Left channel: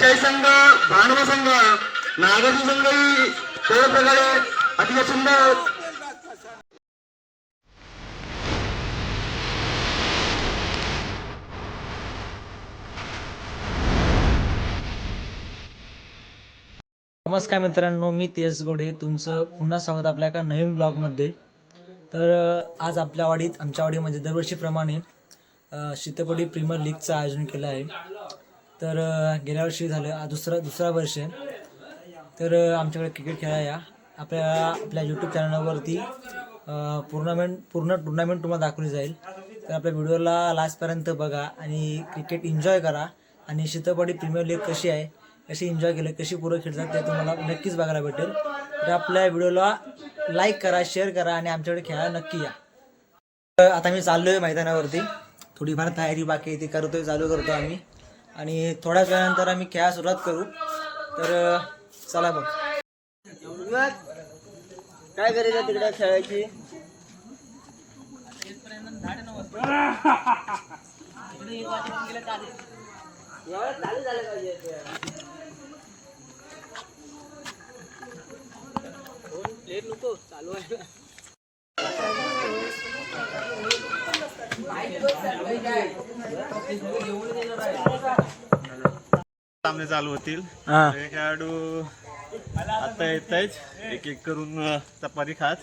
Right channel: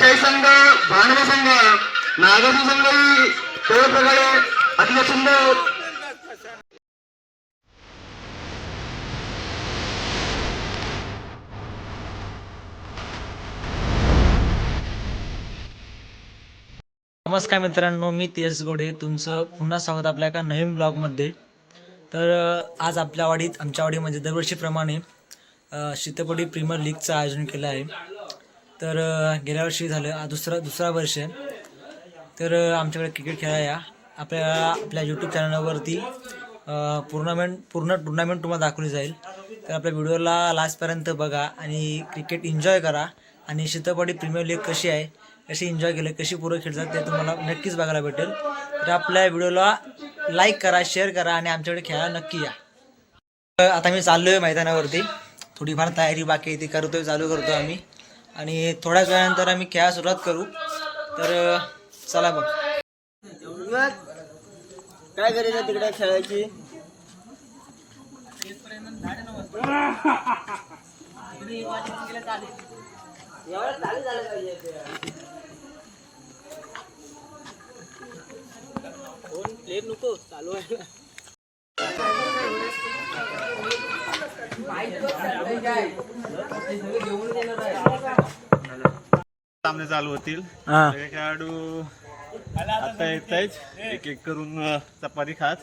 वरचाई संघ, भानवी संघ, नागाजी संघही ते प्रकारे अतिशय सुंदर नमस्कार मित्रांनो, मी तेज गोडे तुमचं पुन्हा स्वागत आपल्या एका नवीन ब्लॉगमध्ये. तर आज आपल्या वाडीत आमच्या वाडीमध्ये दरवर्षीप्रमाणे शीतपडी प्रीमियर लीगचं आयोजन केलं आहे. तर गेल्या वर्षी झालं, दुसरा वर्ष आहे. तर आमच्याकडे क्रिकेट खेळाया आपल्या यूट्यूब चॅनलवरती पूर्ण टुर्नामेंट तुम्हाला दाखवली जाईल. तर आपल्या व्हिडिओला लास्टपर्यंत बघा आणि क्रिकेट एन्जॉय करा. आणि शीतपडी प्रीमियर लीग कशी आहे, कशी एन्जॉय केलं, कशी पुरं खेळतात ते तुम्हाला नक्कीच बघायला भेटेल. तर आपल्या व्हिडिओला लाईक करा, शेअर करा आणि आमच्याकडे खेळायला नक्की या. आता मी चाललो आहे मैदानावरती, थोडीफार तयारी बाकी आहे ती चालू करतो आम्ही आणि थोड्याच वेळानंतर आम्ही खेळायला सुरुवात करू. तर चला बघ. काय करायचं तिकडे खेळायची चालू झालं पाहिजे. नको चालू आहे. सामने चालू होतील. खेळाडू आता येत आहेत एक एक करून चपाती खात.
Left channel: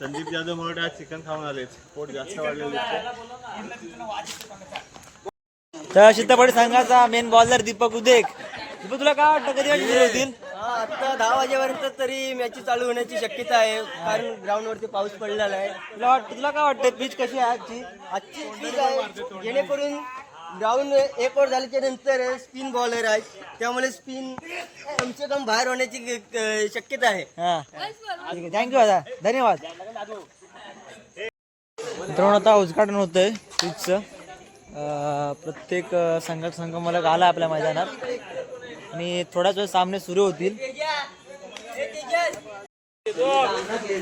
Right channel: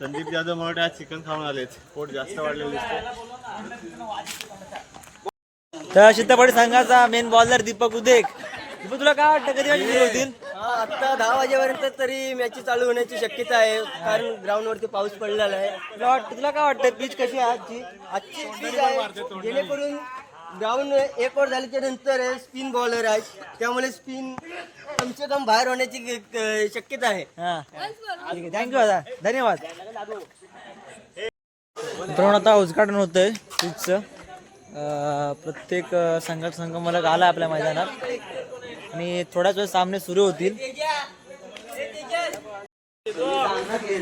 संदीप जाधव मोठे आज चिकन खाऊन आलेत, पोट जास्त वाढलेलं दिसतं. तर शीतपडी संघाचा मेन बॉलर दीपक उदेक. दीपक, तुला काय वाटतं कधी सुरू होतील? आता 10 वाजेपर्यंत तरी मॅच चालू होण्याची शक्यता आहे, कारण ग्राउंड वरती पाऊस पडलेला आहे. तुला काय वाटतं पिच कशी आहे आजची पिच आहे, जेणेकरून ग्राउंड एक ओव्हर झाल्याच्या नंतर स्पिन बॉलर आहेत, त्यामुळे स्पिन कमसे कम बाहेर होण्याची शक्यता आहे. थँक्यू दादा, धन्यवाद. मित्रांनो, आता उद्घाटन होतंय पिचचं. प्रत्येक संघ मला आला आपल्या मैदानात आणि थोड्याच वेळ सामने सुरू होतील.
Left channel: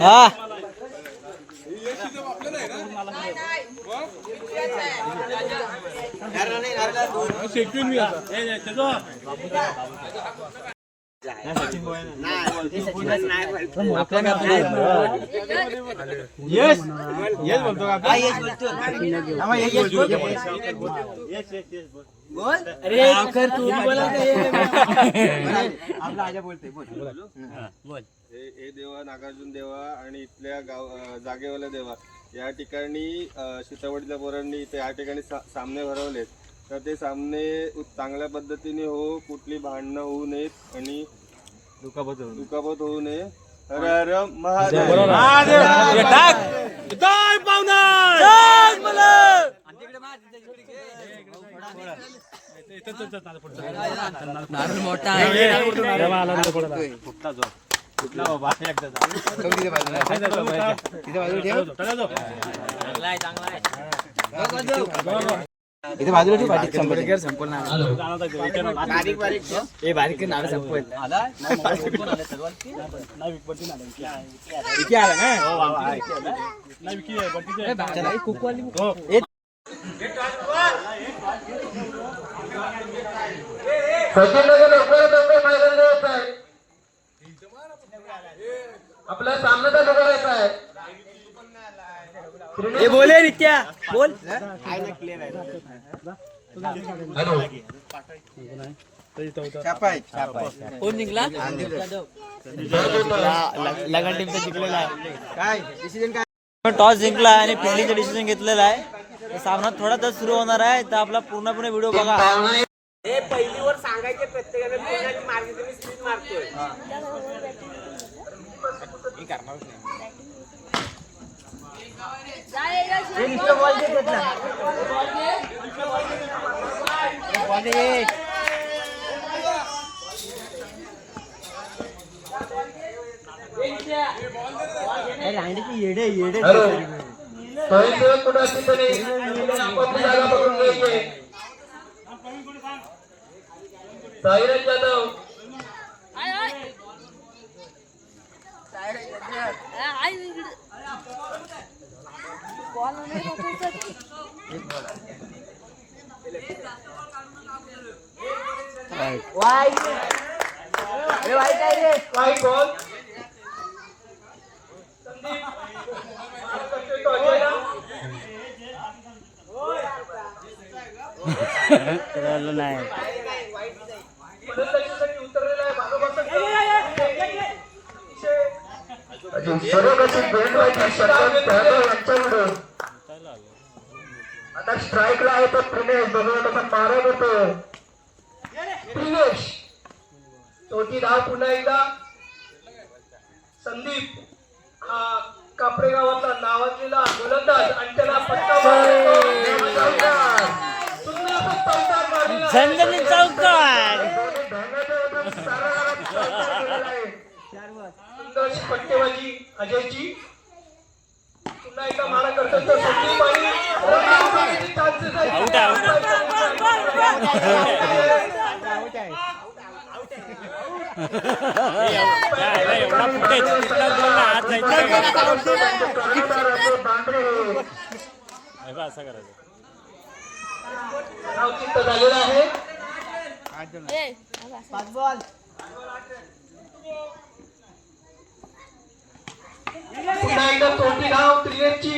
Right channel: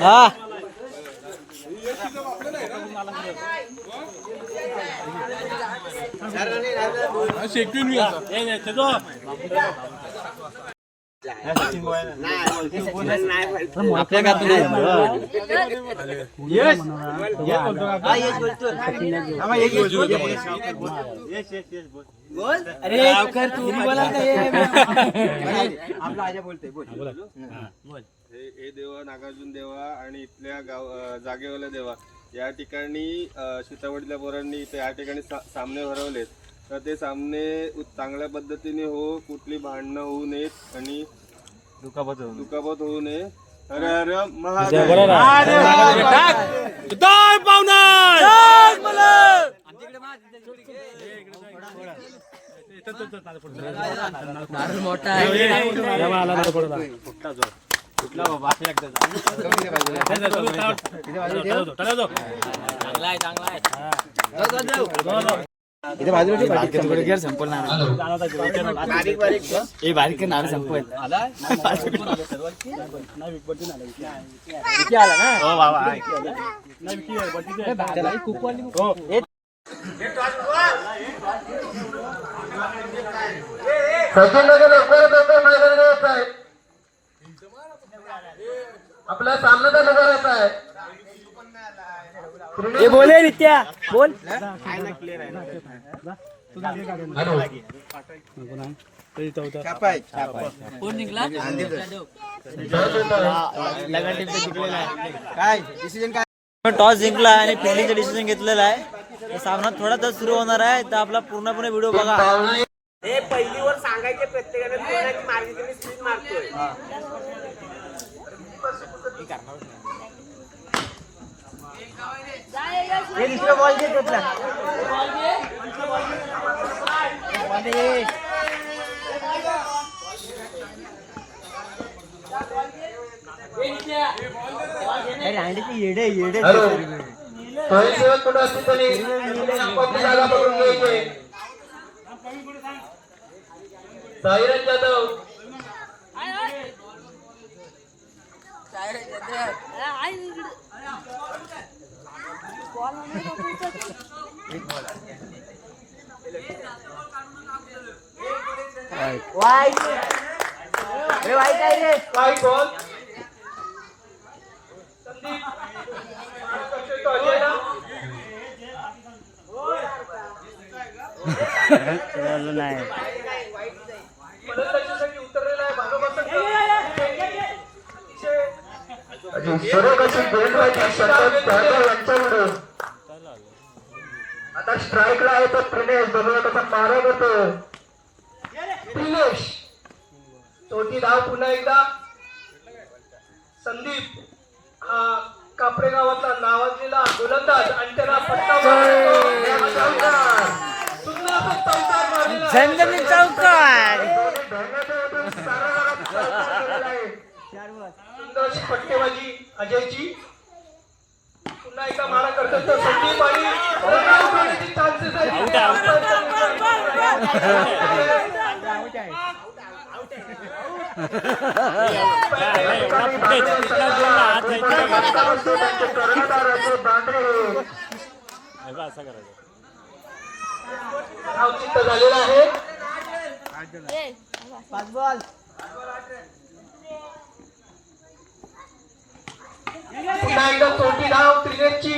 हा हे देवा, नागार्जुन देवा आणि इथल्या जागेवाला देवा या ठिकाणी शीतपडीच्या पोरांनी इथे या ठिकाणी सामने भरवलेत. तर ते सामने चांगल्या पद्धतीने हो, कुठली भांडणं होऊ नयेत आणि दुखापत होऊ नये. हर हर महादेव. इथे बाजूला बारीक नाव संपवेल. आपल्या सामन्याचा नंबर आहे. हे बोले नित्या बोल. कोण जिंकला? टॉस जिंकला आणि फिल्डिंगचं डिसिजन घेतलेलं आहे. सामना थोडा तास सुरू होणार आहे, तर आपला पूर्णपणे व्हिडिओ बघा. हे पहिलीवर सांगायचे प्रत्येकाने कोणाची मार्गी तुम्ही स्पीड मारतोय. येडे येडे साईराज जाधव वाईट हे वाईट आहे रे. वाईट बॉल नाही आता स्ट्राईकला आहे तो प्रिनेश बघा कसा मारत होतो. प्रिनेश चौथी धाव पुन्हा एकदा. संदीप हा कापरे गावाचा नावाजलेला गोलंदाज आणि त्याला झणझणीत चौकार. पट्टेबाजी अजयची पुन्हा एकदा मारा करतात तो संदीप आणि झालेला आहे. 5 बॉल. पुन्हा एकदा चौथी धाव त्रिनेशची.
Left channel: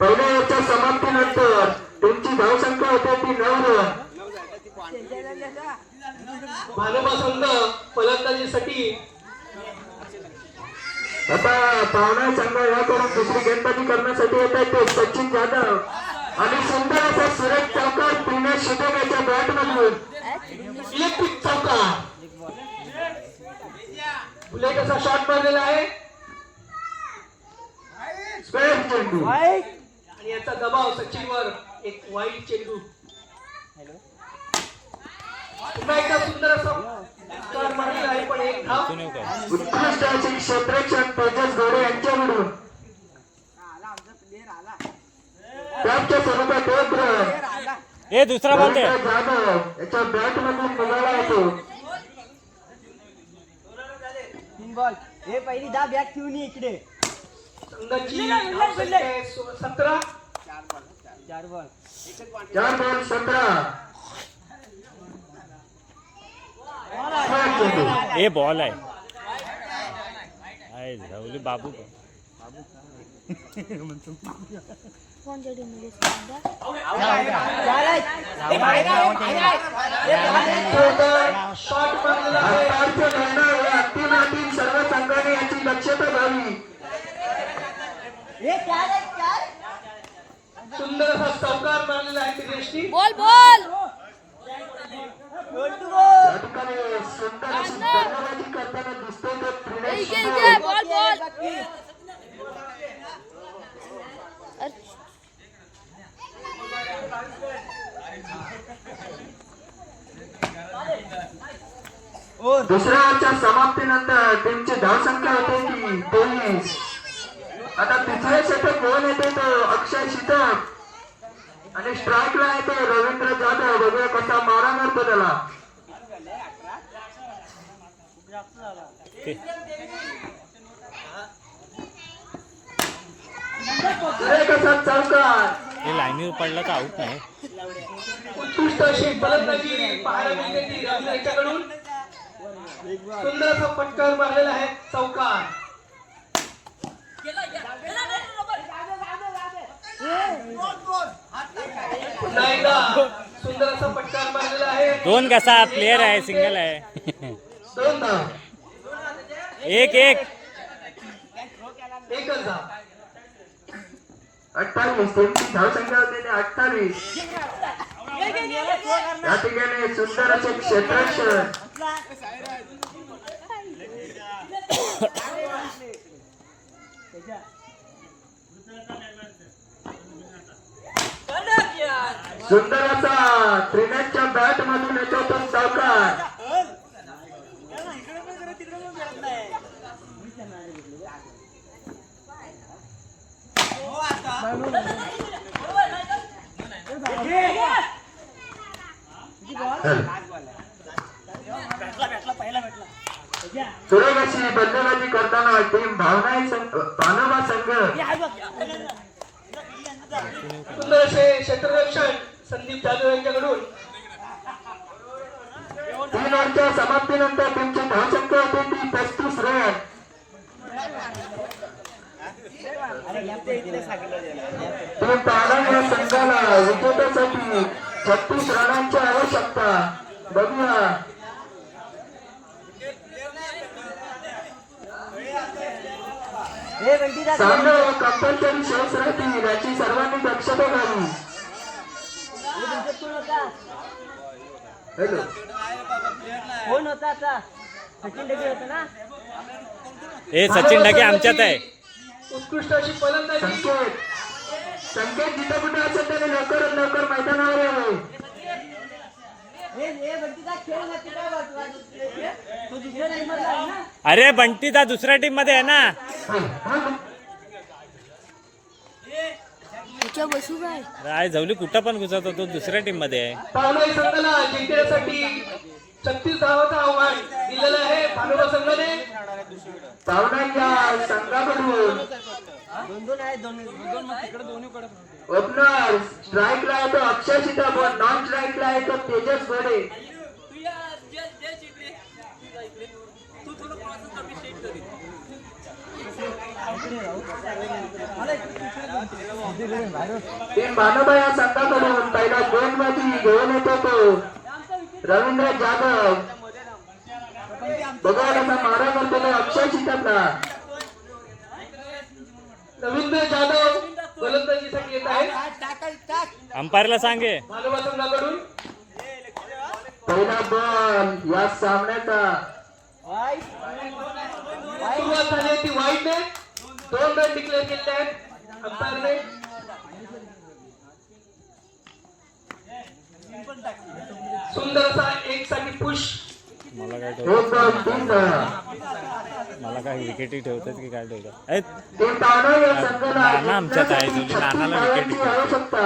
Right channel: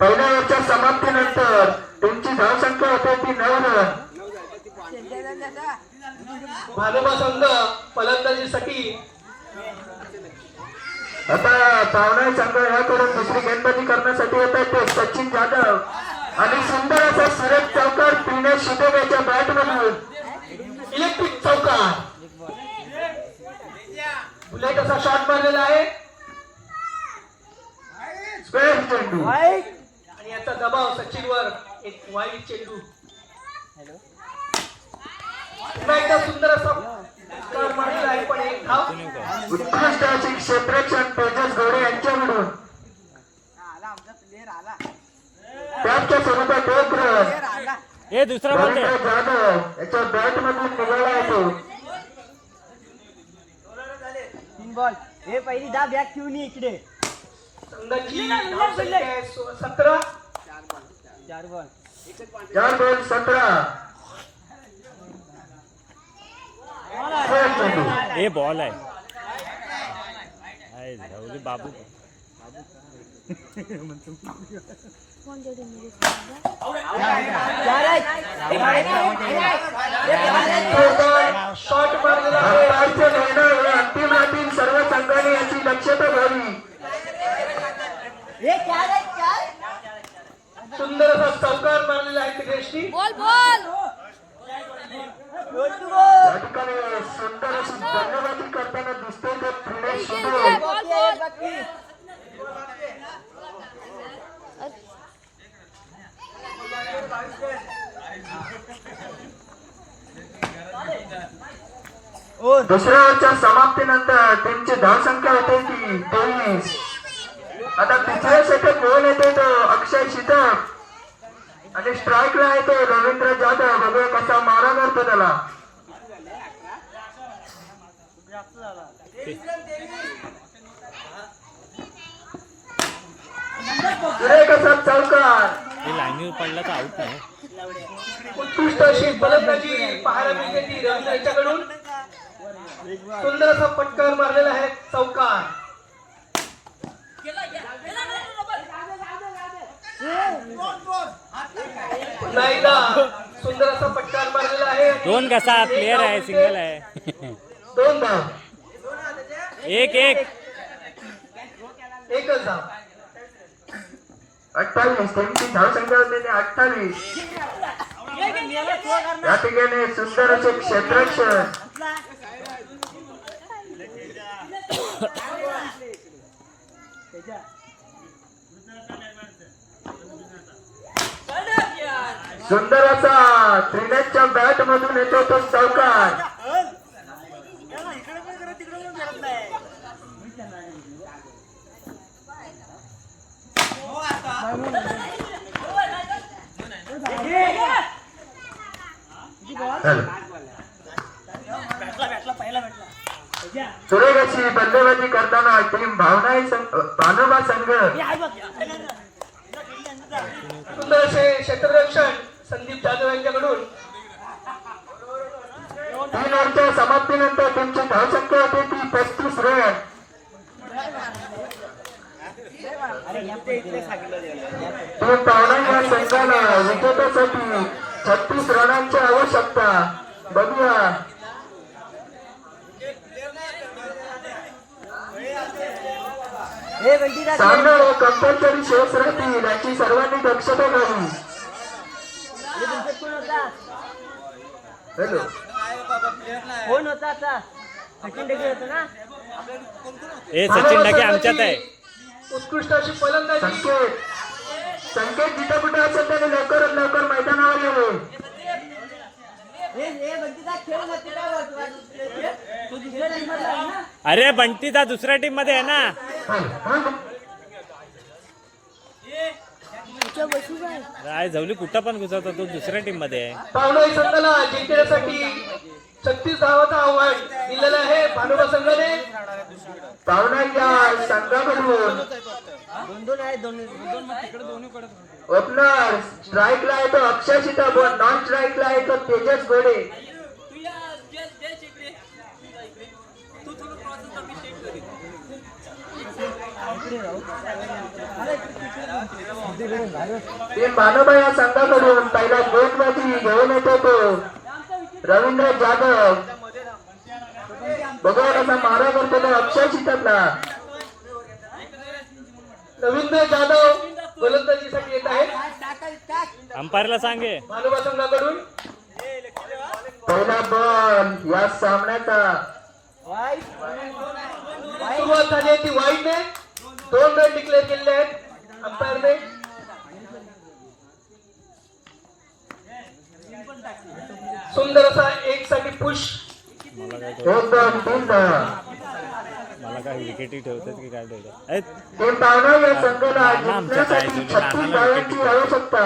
पहिल्या याच्या समाप्तीनंतर त्यांची धावसंख्या होती ती 9 रन. भानुबा संघ फलंदाजीसाठी आता पावना संघ या करून दुसरी गेंदबाजी करण्यासाठी होता ते सचिन जाधव आणि सुंदर असा सरळ चौकार प्रिनेश शितोलेच्या बॅट मधून इलेक्ट्रिक चौकार. बुलेट असा शॉट मारलेला आहे. स्क्वेअर चेंडू आणि याचा दबाव सचिनवर एक वाईट चेंडू. पुन्हा एकदा सुंदर असा शॉट मारलेला आहे पण एक धाव. उत्कृष्ट अशी क्षेत्ररक्षण तेजस गौरे यांच्याकडून त्याच्या स्वरूपात एक रन. दुसरा बॉल जाधव याच्या बॅट मधून निघाला होतो. 3 बॉल. हे पहिली दा बॅग ठेवून ये इकडे. संघाची धावसंख्या आहे 17. 4 बॉल. 4 बॉल 17. हे बॉल आहे बाबू शॉट मारलेला आहे. अंतिम सर्व संघाने याची दक्षता घ्यावी. सुंदर असा चौकार मारलेला आहे त्रिनेशनी. बॉल बॉल या ठिकाणी सुंदर अशी फलंदाजी करताना दिसते तो प्रिनेश शितोले. बॉल बॉल दुसऱ्या ओव्हरच्या समाप्तीनंतर टीमची धावसंख्या होते ती 23. आता तिसऱ्या षटक गोल येतो तो अक्षय शीतक आणि स्ट्राईकला येतो रवींद्र जाधव. बघूया कसा मारा मारतो त्याला. कसा चौकार. लाईनीवर पडला तर आऊट नाही. उत्कृष्ट अशी फलंदाजी पाहायला मिळते ती रवींद्र याच्याकडून. सुंदर असा फटकार मारलेला आहे चौकार. पुन्हा एकदा सुंदर असा फटकार मारलेला आहे. 2 कसा प्लेयर आहे सिंगल आहे. 2 धाव. 1-1 एकच धाव. 28 त्यांची धावसंख्या होती 28. या ठिकाणी सुंदर असे क्षेत्ररक्षण. सुंदर असा त्रिनेशच्या बॅट मधून येतो तो चौकार. सुरेख अशी बंदोबस्ती करताना टीम भानुबा संघ सुंदर असे क्षेत्ररक्षण संदीप जाधव यांच्याकडून. 3 ओव्हरच्या समाप्तीनंतर तुमची धावसंख्या होते ती 35 रन. तुम्ही पावलांच्या संघाला विजेतेसाठी 36 रनांची आवश्यकता. बघूया सामने कंपल्सरी शेष राहतील याची सर्वांनी दक्षता घ्यावी. हॅलो कोण होता आता सचिन ढगे होता ना. ए सचिन ढगे आमच्यात आहे. उत्कृष्ट अशी फलंदाजी. संकेत जिथं कुठे असेल त्याने लवकरात लवकर मैदानावर यावे. तू दुसऱ्या टीम मधला आहे ना. अरे बंटी दा दुसऱ्या टीम मध्ये आहे ना. राय झवली कुठं पण घुसवतो तो दुसऱ्या टीम मध्ये आहे. पावलाई संघाला जिंकण्यासाठी 36 धावांचं आव्हान दिलेलं आहे भानुबा संघाने. पावलाईच्या संघाकडून दोन आहे दोन ओपनर स्ट्राईकला आहे तो अक्षय सीताफळ, नॉन स्ट्राईकला आहे तो तेजस घोडे. ते मानोबा या संघाकडून पहिल्या 2 बाजी घेऊन येतो तो रवींद्र जाधव. बघा कसा मारा करतो तो अक्षय सीताफळा. रवींद्र जाधव गोलंदाजीसाठी येत आहेत. अंपायरला सांगे. मानोबा संघाकडून पहिला बॉल या सामन्याचा सुरुवात झाली ती वाईटने 2 रन डिक्लेअर केलेले आहेत अंपायरने. सुंदर असा 1 साठी पुश. मला काय विकेटी ठेवतात की काय ठेवतात. ते पाहणं या संघाला नाना आमच्यात आहे, जो नानाला विकेट धावांची आवश्यकता.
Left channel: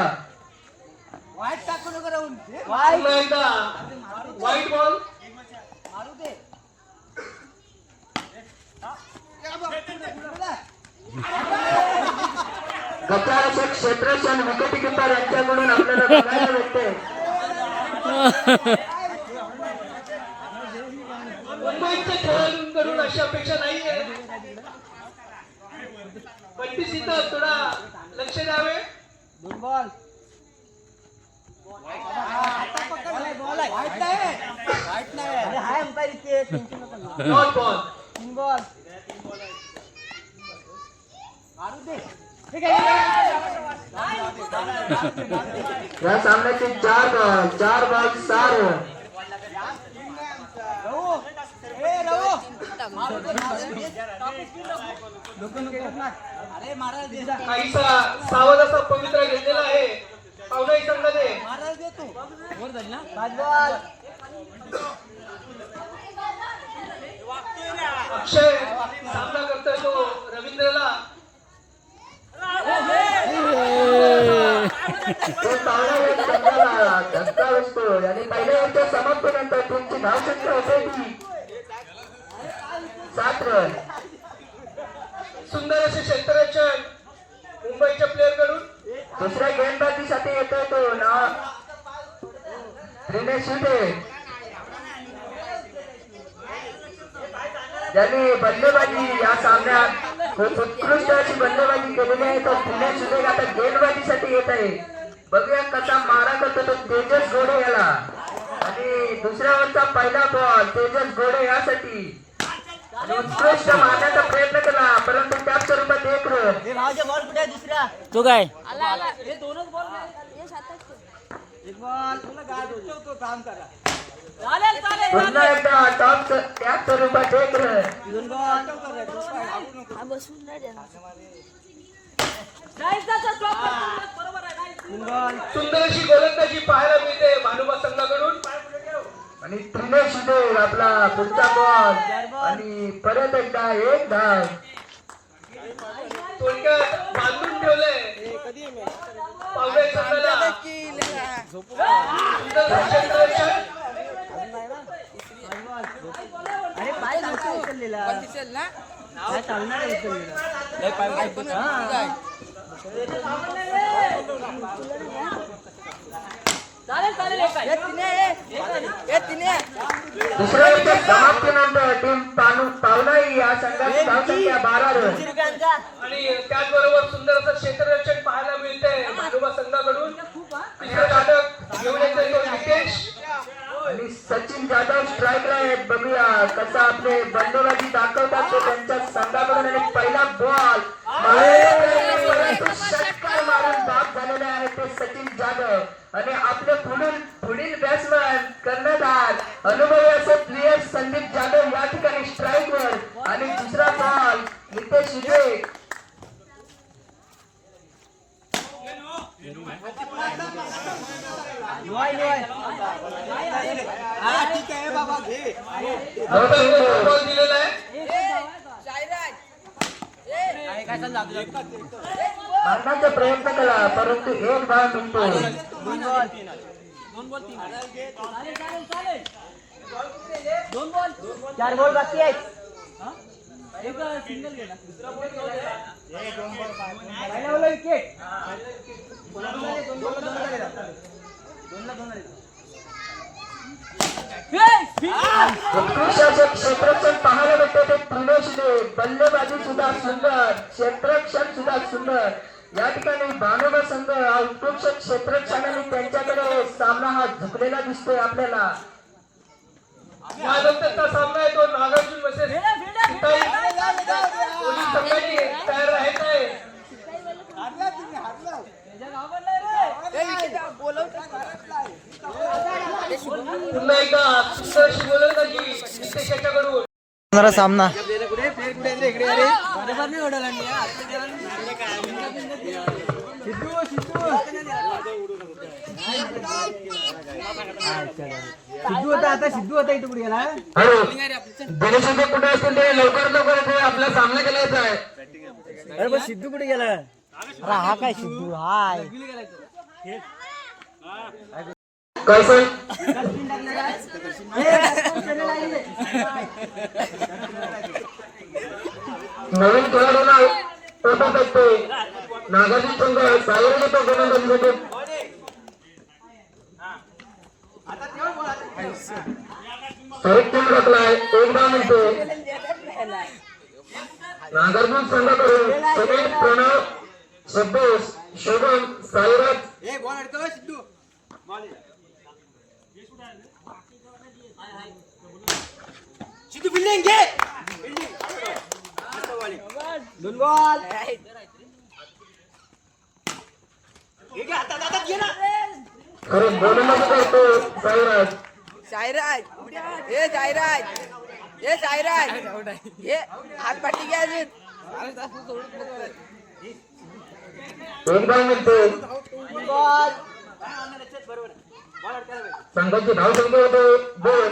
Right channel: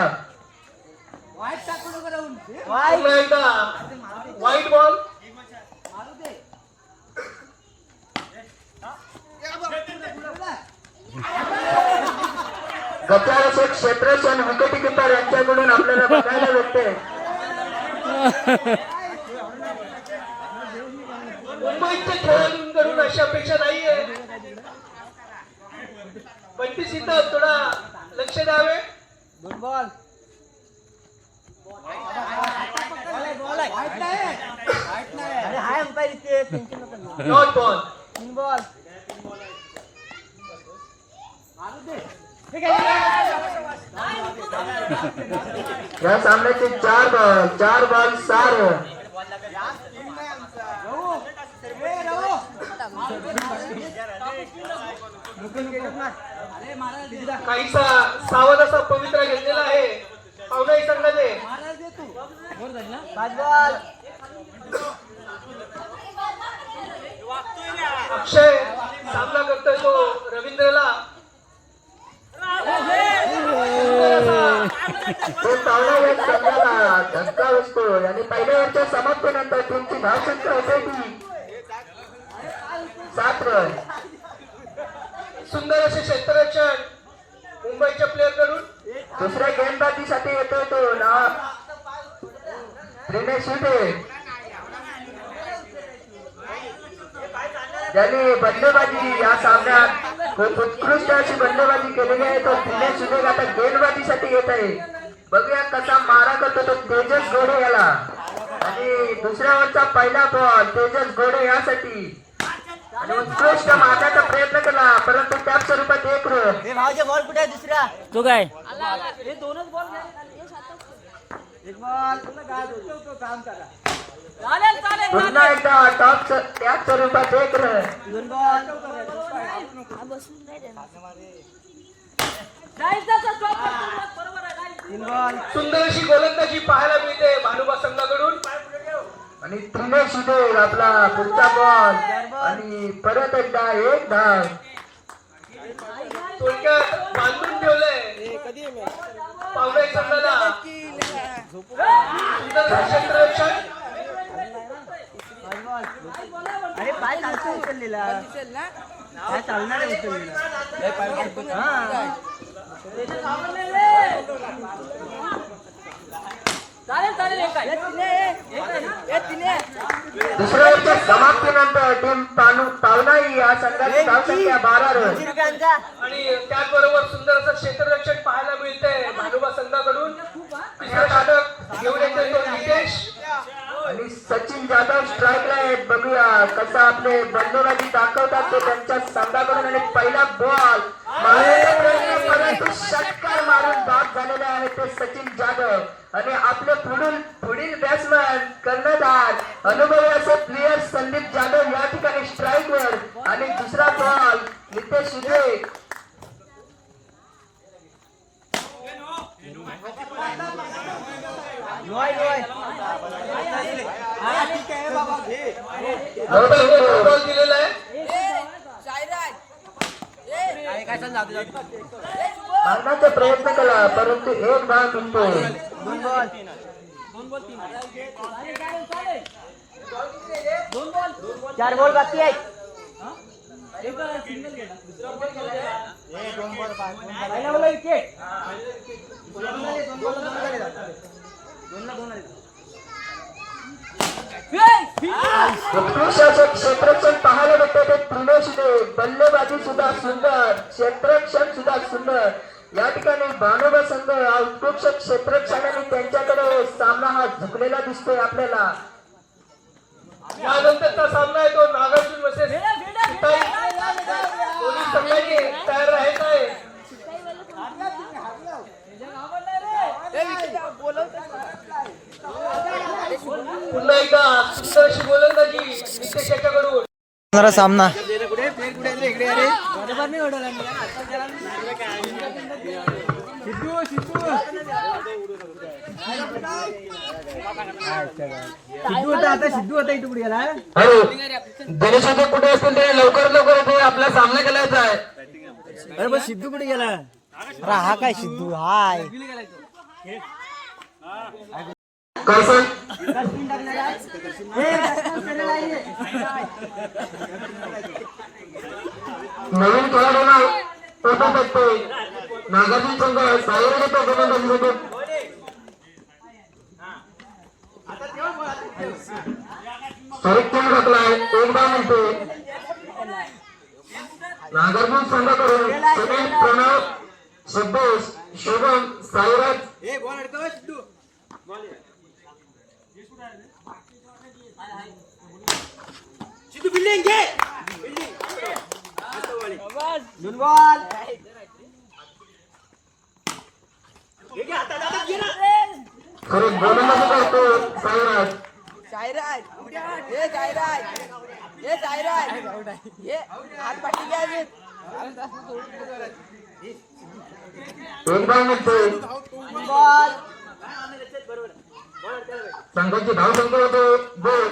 पुन्हा एकदा वाईट बॉल. गटारक्षक क्षेत्रक्षण विकेटी किपर यांच्याकडून आपल्याला बघायला भेटते. मुंबईच्या खेळाडूंकडून अशी अपेक्षा नाहीये. बंटी सीताफळ थोडा लक्ष द्यावे. दोन बॉल नॉट बॉल. 3 बॉल या सामन्याचे 4 बॉल 6 रन. काहीसा सावध असा पवित्रा घेतलेला आहे पावलाई संघाने. 5 बॉल अक्षय सामना करतोय तो रवींद्रला. तो पावलाई संघाला धक्का बसतो आणि पहिल्या वरच्या समाप्तीनंतर तुमची धावसंख्या होते ती 7 रन. सुंदर असे क्षेत्ररक्षण मुंबईच्या प्लेअर कडून. दुसऱ्या गेंदबाजीसाठी येतोय तो दिनेश शिंदे. ज्यांनी बंडबाजी या सामन्यात उत्कृष्ट अशी बंडबाजी केलेली आहे तो दिनेश शिंदे आता गेंदबाजीसाठी येत आहे. बघूया कसा मारा करतो तो तेजस घोडे याला. आणि दुसऱ्या वरचा पहिला बॉल तेजस घोडे यासाठी उत्कृष्ट मारण्याचा प्रयत्न केला परंतु त्या स्वरूपात 1 रन. बॉल कुठे आहे दुसरा तो काय दोनच बॉल एक बॉल काम करा. पुन्हा एकदा टॉप त्या स्वरूपात 1 रन. 2 बॉल सुंदर अशी गोलंदाजी पाहायला मिळते भानुबा संघाकडून. आणि दिनेश शिंदे आपला पुढचा बॉल आणि परत एकदा 1 धाव. थोडक्यात बांधून ठेवलंय पावलाई संघाला. सुंदर क्षेत्ररक्षण. अरे पाय चालतो उचललेला पाय चालणार उचललेला. दुसऱ्या ओव्हरच्या समाप्तीनंतर टीम तावनाई या संघाची धावसंख्या 12 रन. आणि त्याचबरोबर सुंदर असं क्षेत्ररक्षण पाहायला मिळतंय भानुबा संघाकडून. तिसरा षटक घेऊन येते तो नितेश. आणि सचिन जाधव स्ट्राईकला आहेत. बघूया कसं आपले बंडोबाजी दाखवतात ते त्यांच्या संघाकडून. आणि पहिला बॉल षटकार मारून बाद झालेला आहे ते सचिन जाधव. आणि आपले पुढील बॅट्समॅन कर्णधार अनुभवी असे प्लेयर संदीप जाधव या ठिकाणी स्ट्राईकवर. आणि दुसरा बॉल नितेश उदय. बॉल दिलेला आहे. मारण्याचा प्रयत्न केला परंतु एक धाव मिळतो. 4 बॉल बाकी आहेत. क्षेत्ररक्षण पाहायला भेटते ते त्रिलोशने. बल्लेबाजी सुद्धा सुंदर, क्षेत्ररक्षण सुद्धा सुंदर. या ठिकाणी भानुबा संघ उत्कृष्ट क्षेत्ररक्षणाने त्यांच्याकडे सामना हा झुकलेला दिसतोय आपल्याला. यानंतरचा सामना आहे तो नागार्जुन वर्सेस दोन्ही संघांनी तयार राहायचं आहे. पुन्हा एकदा सुंदर अशी गोलंदाजी नितेश याच्याकडून. सामना सिद्धू होता आता सिद्धू होता इथे कुठे गेला. गणेश कुठे असतील ते लवकर येते. आपला सामना केलायचा आहे. अरे पण सिद्धू कुठे गेला. अरे हा काय सिद्धू हाय कौशल नवीन खेळाडूंना टोपा बसतोय. नागार्जुन संघ सायर घेतो गोलंदाजीसाठी. परिक्षण टाकलाय एक धाव मिळतो. नागार्जुन संघाकडून सुनील प्रणव सदोष शोभम साईराज. दोन बॉल खरं गोलंदाजी करतो साईराज. एक धाव मिळतो. बॉल संघाची धावसंख्या होते 2.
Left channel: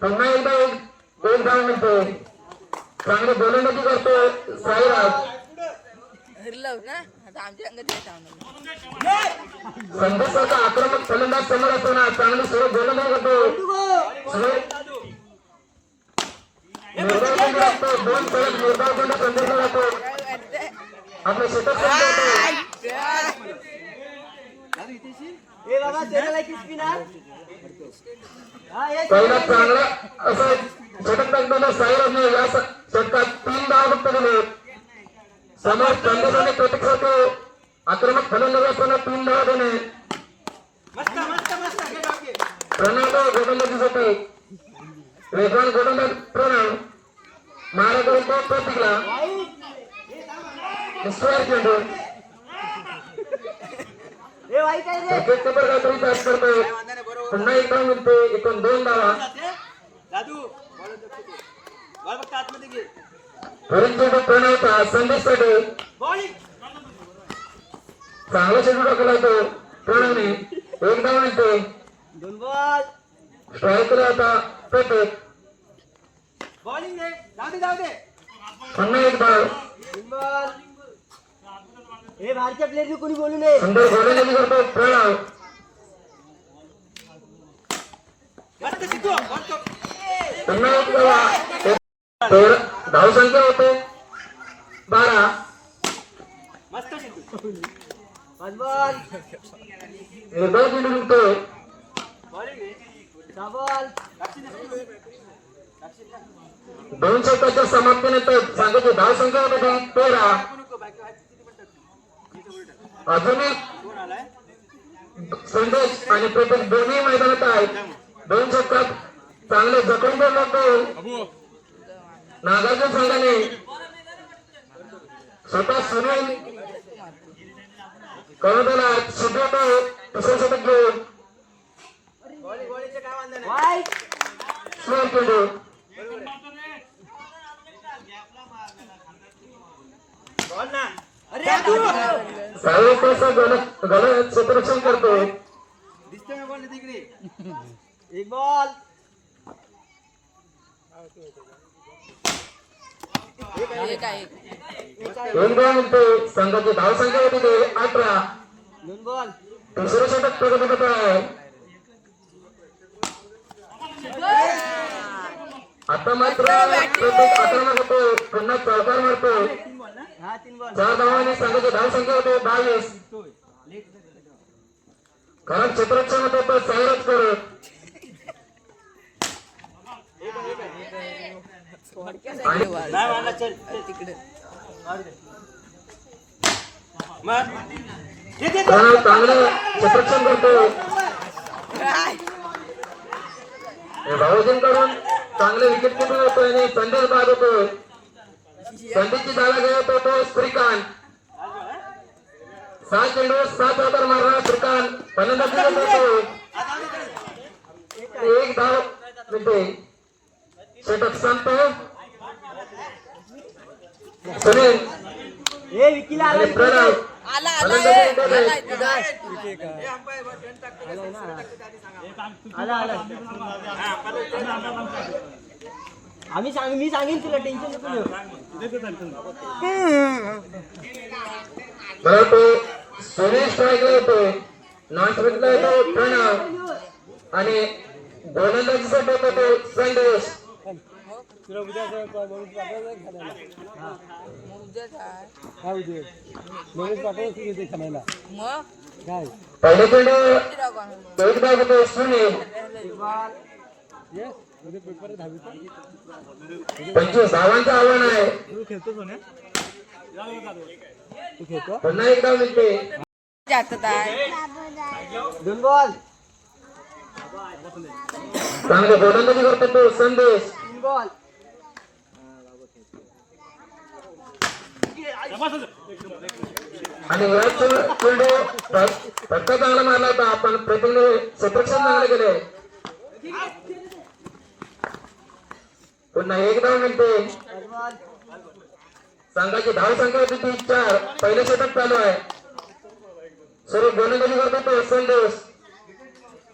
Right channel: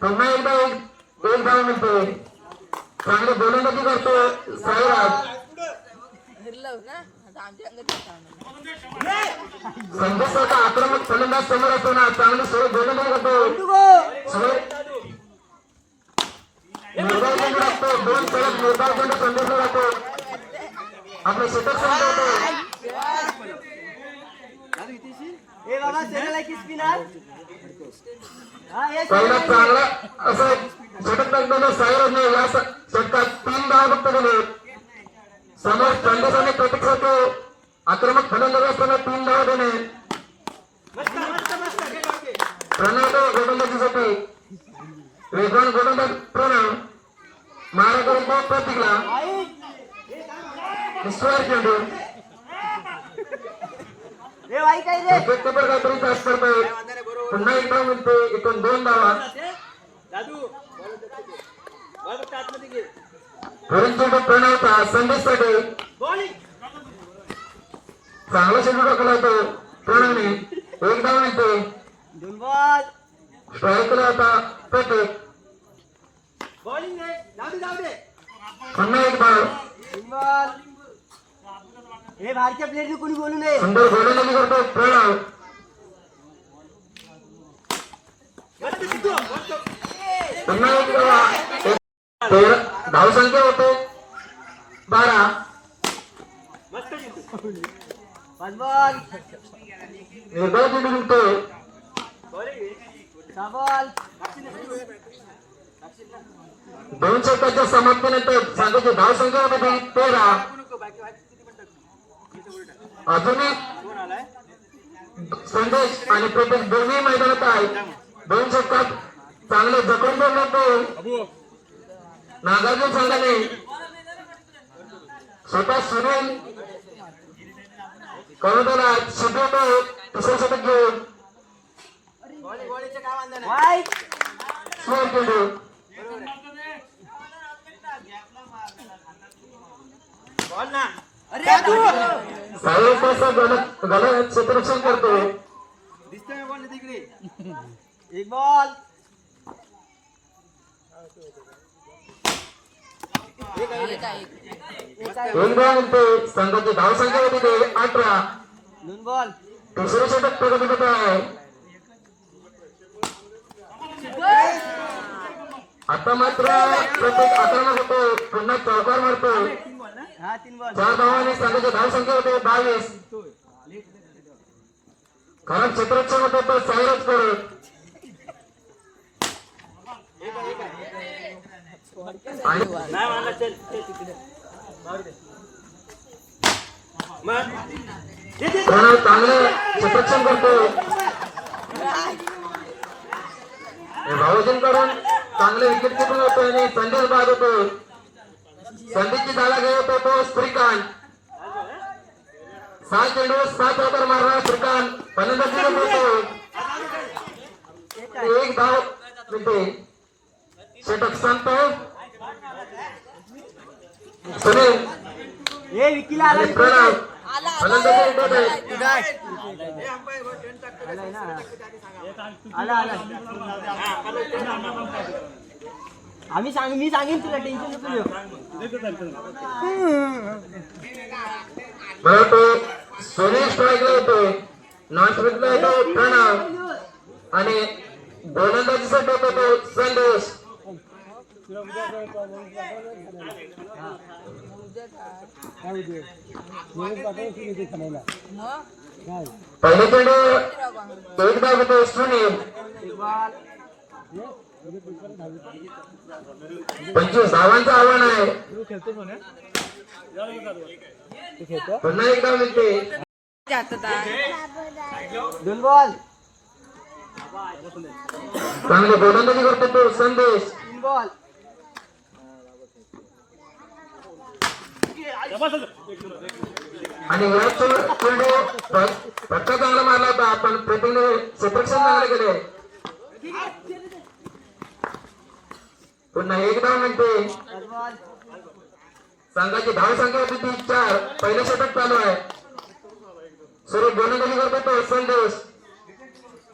पुन्हा एकदा एक धाव मिळतो. चांगलं गोलंदाजी करतो साईराज. संघाचा आक्रमक फलंदाज समोर असताना चांगलं सुरू गोलंदाजी करतो. निर्धाव लागतो. 2 षटक निर्धाव संदेश लागतो. आपलं षटक ए बाबा सेकंड की स्पिनर हा हे पहिला चांगला असं षटक टाकलेलं साईराजने या षटकात 3 धाव फक्त दिले. समोर संदेशाने प्रतिक्रिया आक्रमक फलंदाज असताना 3 धाव देणे. प्रणव गोलंदाजीसाठी रेगवान गोलंदाज प्रणव महाराष्ट्र प्रतिक्रिया ईश्वर चेंडू ए भाई काय रे क्रिकेट पेपर काहीतरी टॅच करतोय. पुन्हा एक धाव मिळते. एकूण 2 धावा. चेंडू प्रणवचा संदेशसाठी चांगला चेंडू टाकला होतो प्रणवने. 1 धाव मिळते. दोन बॉल स्ट्राईकला होता प्रत्येक. बॉलिंग रे जाऊ दे पुन्हा एक धाव. तीन बॉल हे बाहेरच्या प्लेयरनी कोणी बोलू नये. सुंदर गोलंदाजी करतो प्रणव. पुन्हा एक धाव. धावसंख्या होते 12. पाच बॉल निर्भय चेंडू निघतोय. सहा बॉल 2 षटकाच्या समाप्तीनंतर संघाची धावसंख्या होती 13. अजून एक संदेश आणि प्रत्येक दोन्ही मैदानात आहेत. 2 षटकात चांगले जखम लागतो. नागार्जुन संघाने स्वतः सुनील कवडला शिकवतो. तिसरे षटक घेऊन वाईट स्मोक चेंडू साहेब गलत क्षेत्ररक्षण करतो. एक बॉल दोन बॉल संघाची धावसंख्या होती ते 18. 2 बॉल तिसरे षटक प्रगतीत आहे. आता मात्र प्रत्येक आक्रमक होतो. पुन्हा चौकार मारतो. हा 3 बॉल 4 धावांनी संघाची धावसंख्या होते 22. कारण क्षेत्ररक्षण होते तो साईडच करत चांगलं क्षेत्ररक्षण करतो. भावजन करून चांगले विकेट किपिंग होतो आणि संदेश बाद होतो. संदेशची जागा घेत होतो श्रीकांत. 7 चेंडू 7 चौकार मारणारा श्रीकांत फलंदाजी करतो. 1 धाव मिळते. षटक संपतो. सुनील ए विकीला आला आणि प्रणव फलंदाजी करतोय. मी सांगेन तुला टेन्शन नको घेऊ. मला तो सुनील स्ट्राईकला होतोय. नॉन स्ट्राईकला होतो प्रणव आणि गोलंदाजीसाठी होतो तो संदेश. पहिले चेंडू 1 धाव होतो सुनील. 25 धावांचं आव्हान आहे. पुन्हा 1 धाव मिळते. 2 बॉल चांगलं गोलंदाजी करतो तो संदेश. 3 बॉल आणि या चेंडू फटका चांगला मारला होता. पण प्रतिने क्षेत्ररक्षण चांगले गेले. पुन्हा 1 धाव मिळते. 5 बॉल संघाची धावसंख्या होती ती 4. पहिले षटक चालू आहे. सुरू गोलंदाजी करतो तो संदेश.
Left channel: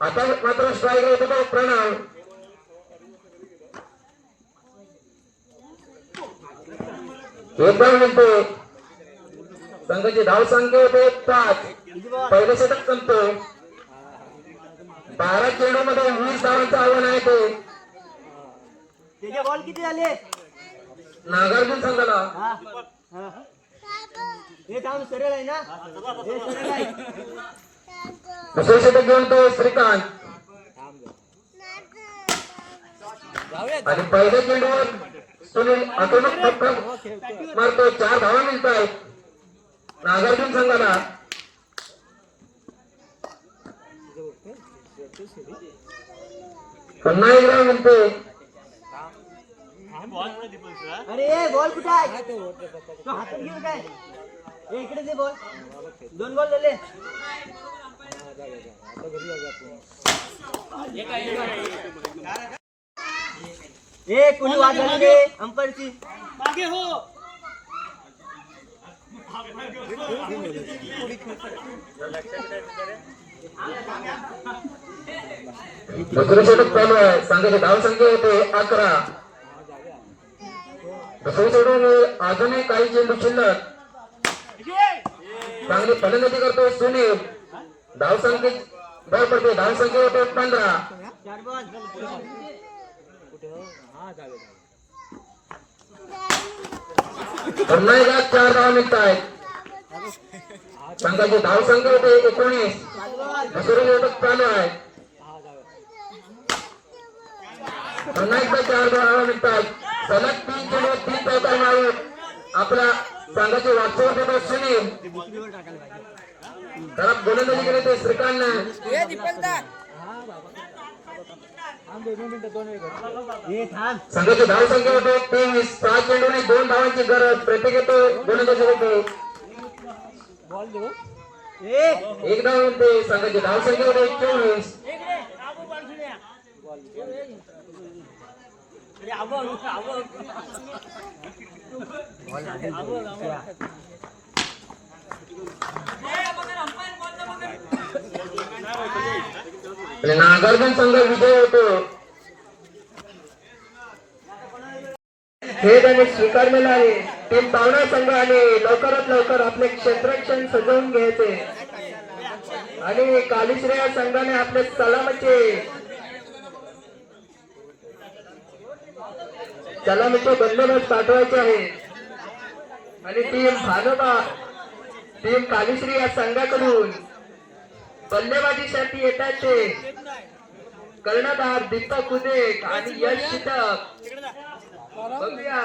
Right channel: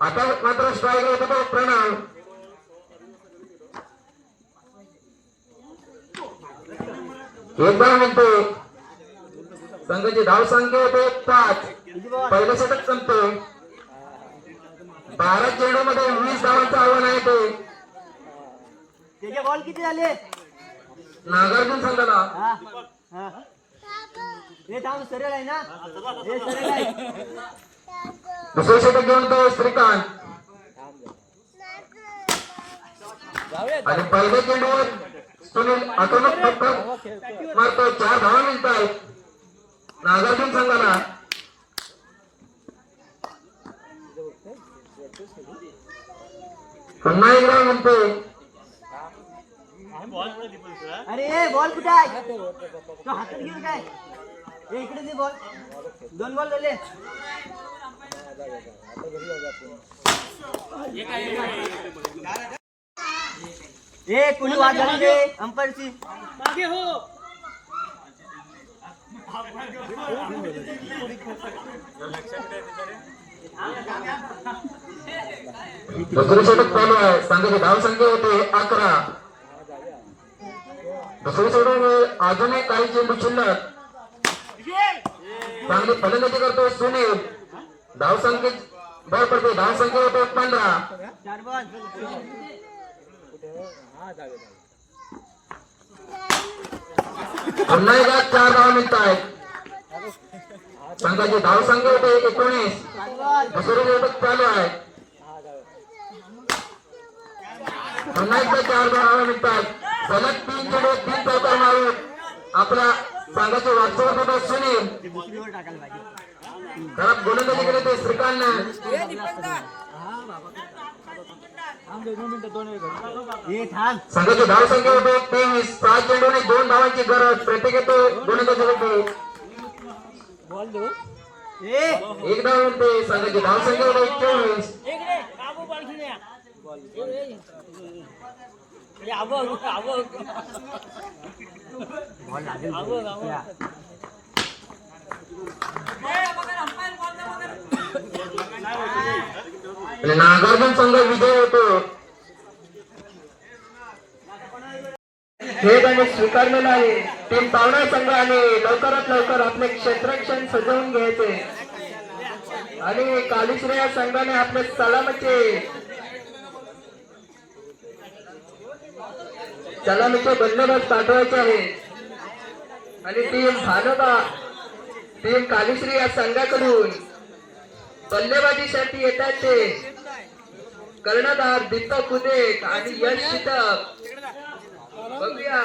आता मात्र स्ट्राईक होतो तो प्रणव. 1 धाव मिळते. संघाची धावसंख्या होते 5. पहिले षटक संपतो. 12 चेंडू मध्ये 20 धावांचं आव्हान आहे ते त्याचे बॉल किती झाले? नागार्जुन संघाला. हा हा हे थांब सरळ आहे ना हे सरळ आहे. दुसरे षटक घेऊन तो श्रीकांत आणि पहिल्या चेंडूवर सुनील आक्रमक फटका मारतो. 4 धावा मिळत आहेत नागार्जुन संघाला. पुन्हा 1 धाव मिळते. अरे ए बॉल कुठे आहे? तो हातात घेऊन काय ए इकडे दे बॉल. 2 बॉल झाले. ए कोणी वाद झाली रे अंपायरची. दुसरे षटक चालू आहे. संघाची धावसंख्या होते 11. दुसरे षटक अजूनही काही चेंडू शिल्लक. चांगली फलंदाजी करतो सुनील. धावसंख्या बॉल करतो. धावसंख्या होते 15. 4 बॉल पुन्हा एकदा 4 धावा मिळत आहेत. संघाचे धावसंख्या होते 19. दुसरं षटक चालू आहे. पुन्हा एकदा 4 धावा निघतात. सलग 3 चेंडू 3 चौकार मारून आपला संघाचे वास्तव सुनील घरात गोलंदाजी केली ते श्रीकांतने. संघाची धावसंख्या होते 23. 6 चेंडूने 2 धावांची गरज. प्रत्येकी गोलंदाजी होते 1 धाव होते. संघाची धावसंख्या होते 24. नागार्जुन संघ विजय होतो. हे त्याने स्वीकारलेलं आहे. टीम पावणा संघाने लवकरात लवकर आपले क्षेत्ररक्षण सजवून घ्यायचे आणि कालीश्रेया संघाने आपले सलामीचे बंदोबस्त पाठवायचे आहे. आणि टीम कालीश्री या संघाकडून बल्लेबाजीसाठी येतात ते कर्णधार दीपक उदेक आणि यश शितक. बघूया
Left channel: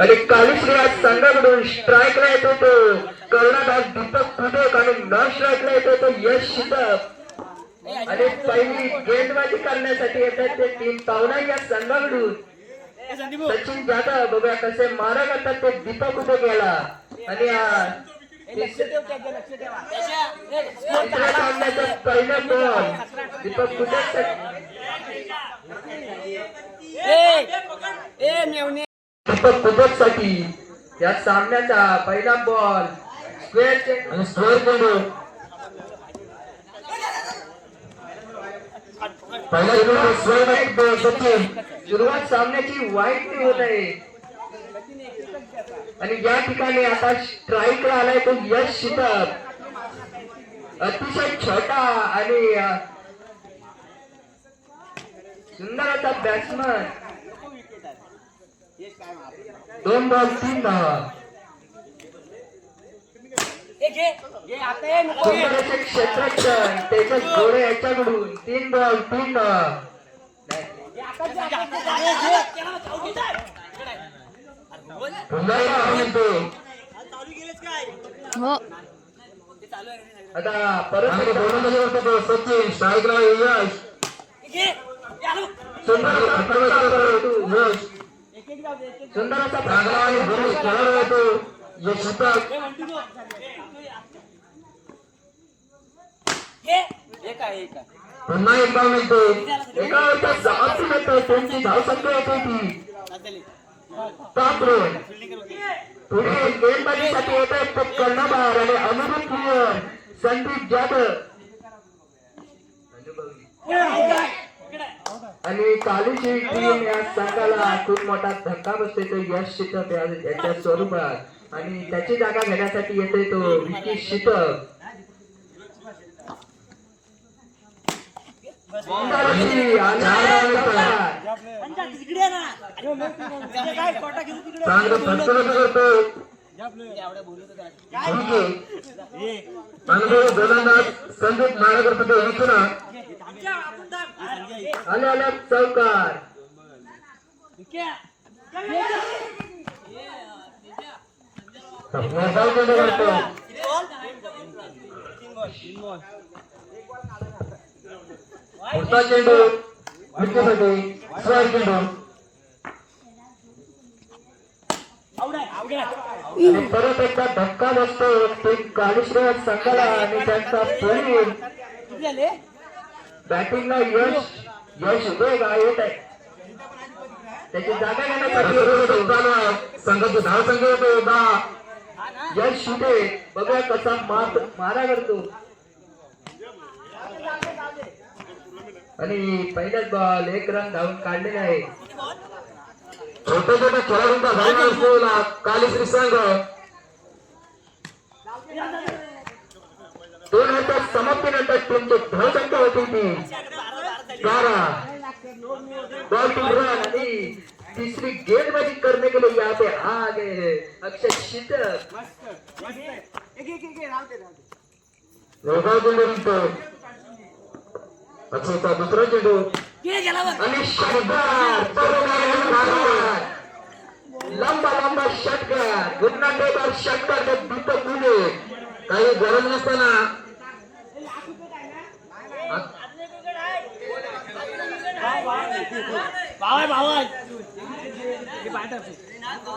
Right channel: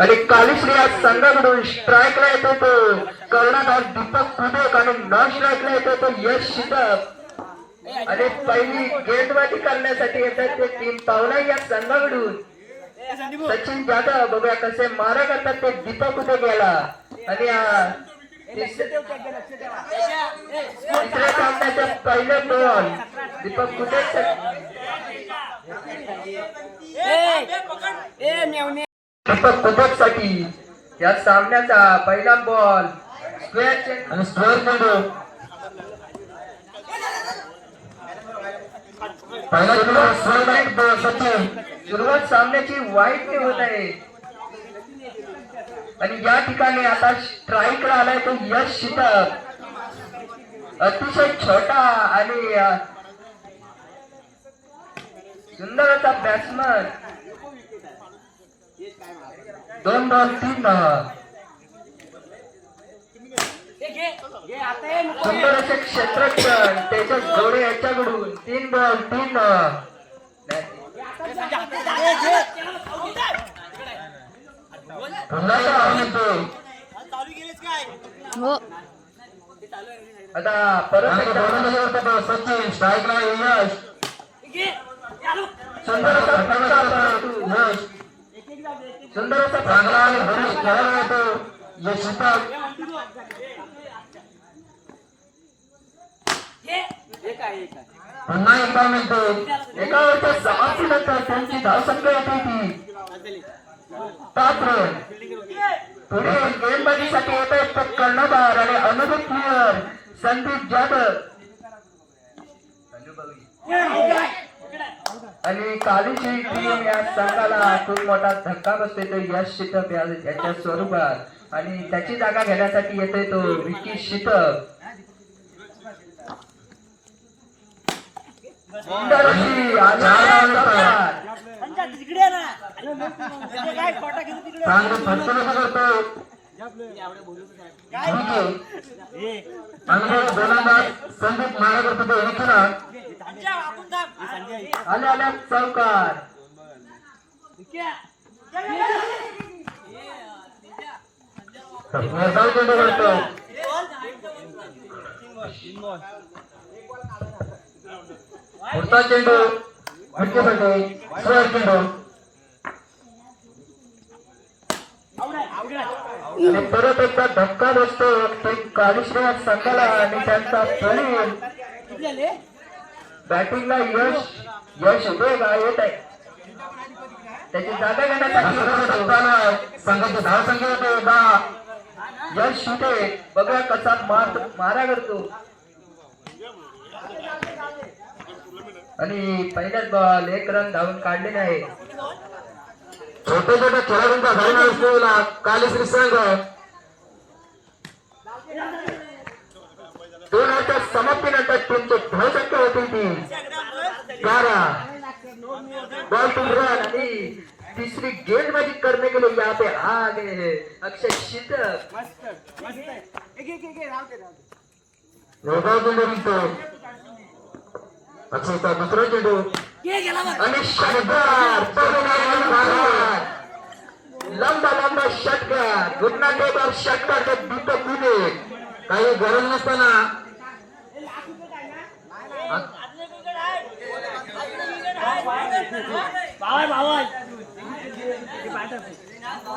आणि कालीश्री या संघाकडून स्ट्राईकला येतो तो कर्णधार दीपक उदेक आणि नॉन स्ट्राईकला येतो तो यश शितक. आणि पहिली गेंदबाजी करण्यासाठी येतात ते टीम पावना या संघाकडून सचिन जाधव. बघूया कसे मारा करतात ते दीपक उदेक याला. आणि पहिल्या बॉल दीपक उदेक साठी या सामन्याचा पहिला बॉल स्क्वेअर आणि स्क्वेअर म्हणून सुरुवात सामन्याची वाईट होत आहे. आणि या ठिकाणी आता स्ट्राईक आलाय तो यश शितक. अतिशय छोटा आणि सुंदर असा बॅट्समन. 2 बॉल 3 धावा. सुंदर असे क्षेत्ररक्षण त्याच्या जोडे याच्याकडून 3 बॉल 3 धावा. आता परत सचिन स्ट्राईकला यश. सुंदर असा खेळायला येतो यश शितक. पुन्हा एकदा मिळतो. त्यांची धावसंख्या होती ती 7 रन. पुढे गेंदबाजीसाठी येतात कर्णधार आणि अनुभव प्लेयर संदीप जाधव. आणि कालूची टीम या संघाला खूप मोठा धक्का बसतोय तो यश शितक याच्या स्वरूपात. आणि त्याची जागा घेण्यासाठी येतोय तो विकी शितक. संदीप मानेकर आल्या चौकार. पुढचा चेंडू परत एकदा धक्का बसतो ते कालीश्री संघाला. आणि त्यांचा बॅटिंगला यश उदय येत आहे. त्याची जागा घेण्यासाठी संघाची धावसंख्या होते 10. यश शिटे बघा कसा मारा करतो. आणि पहिल्याच बॉल 1 रन धावून काढलेले आहे. छोट्या छोट्या खेळाडूंचा धारणा असलेला कालीश्री संघ 2 च्या समाप्तीनंतर टीमची धावसंख्या होती ती 12 बॉल टू रन आणि तीसरी गेंदबाजी करने के लिए यहाँ पे आ गए हैं अक्षय शीतक अक्षयचा दुसरा चेंडू आणि लंबा लंबा षटकार गुन्हाटेबार षटकार दीपक पुणे काही गरज नसताना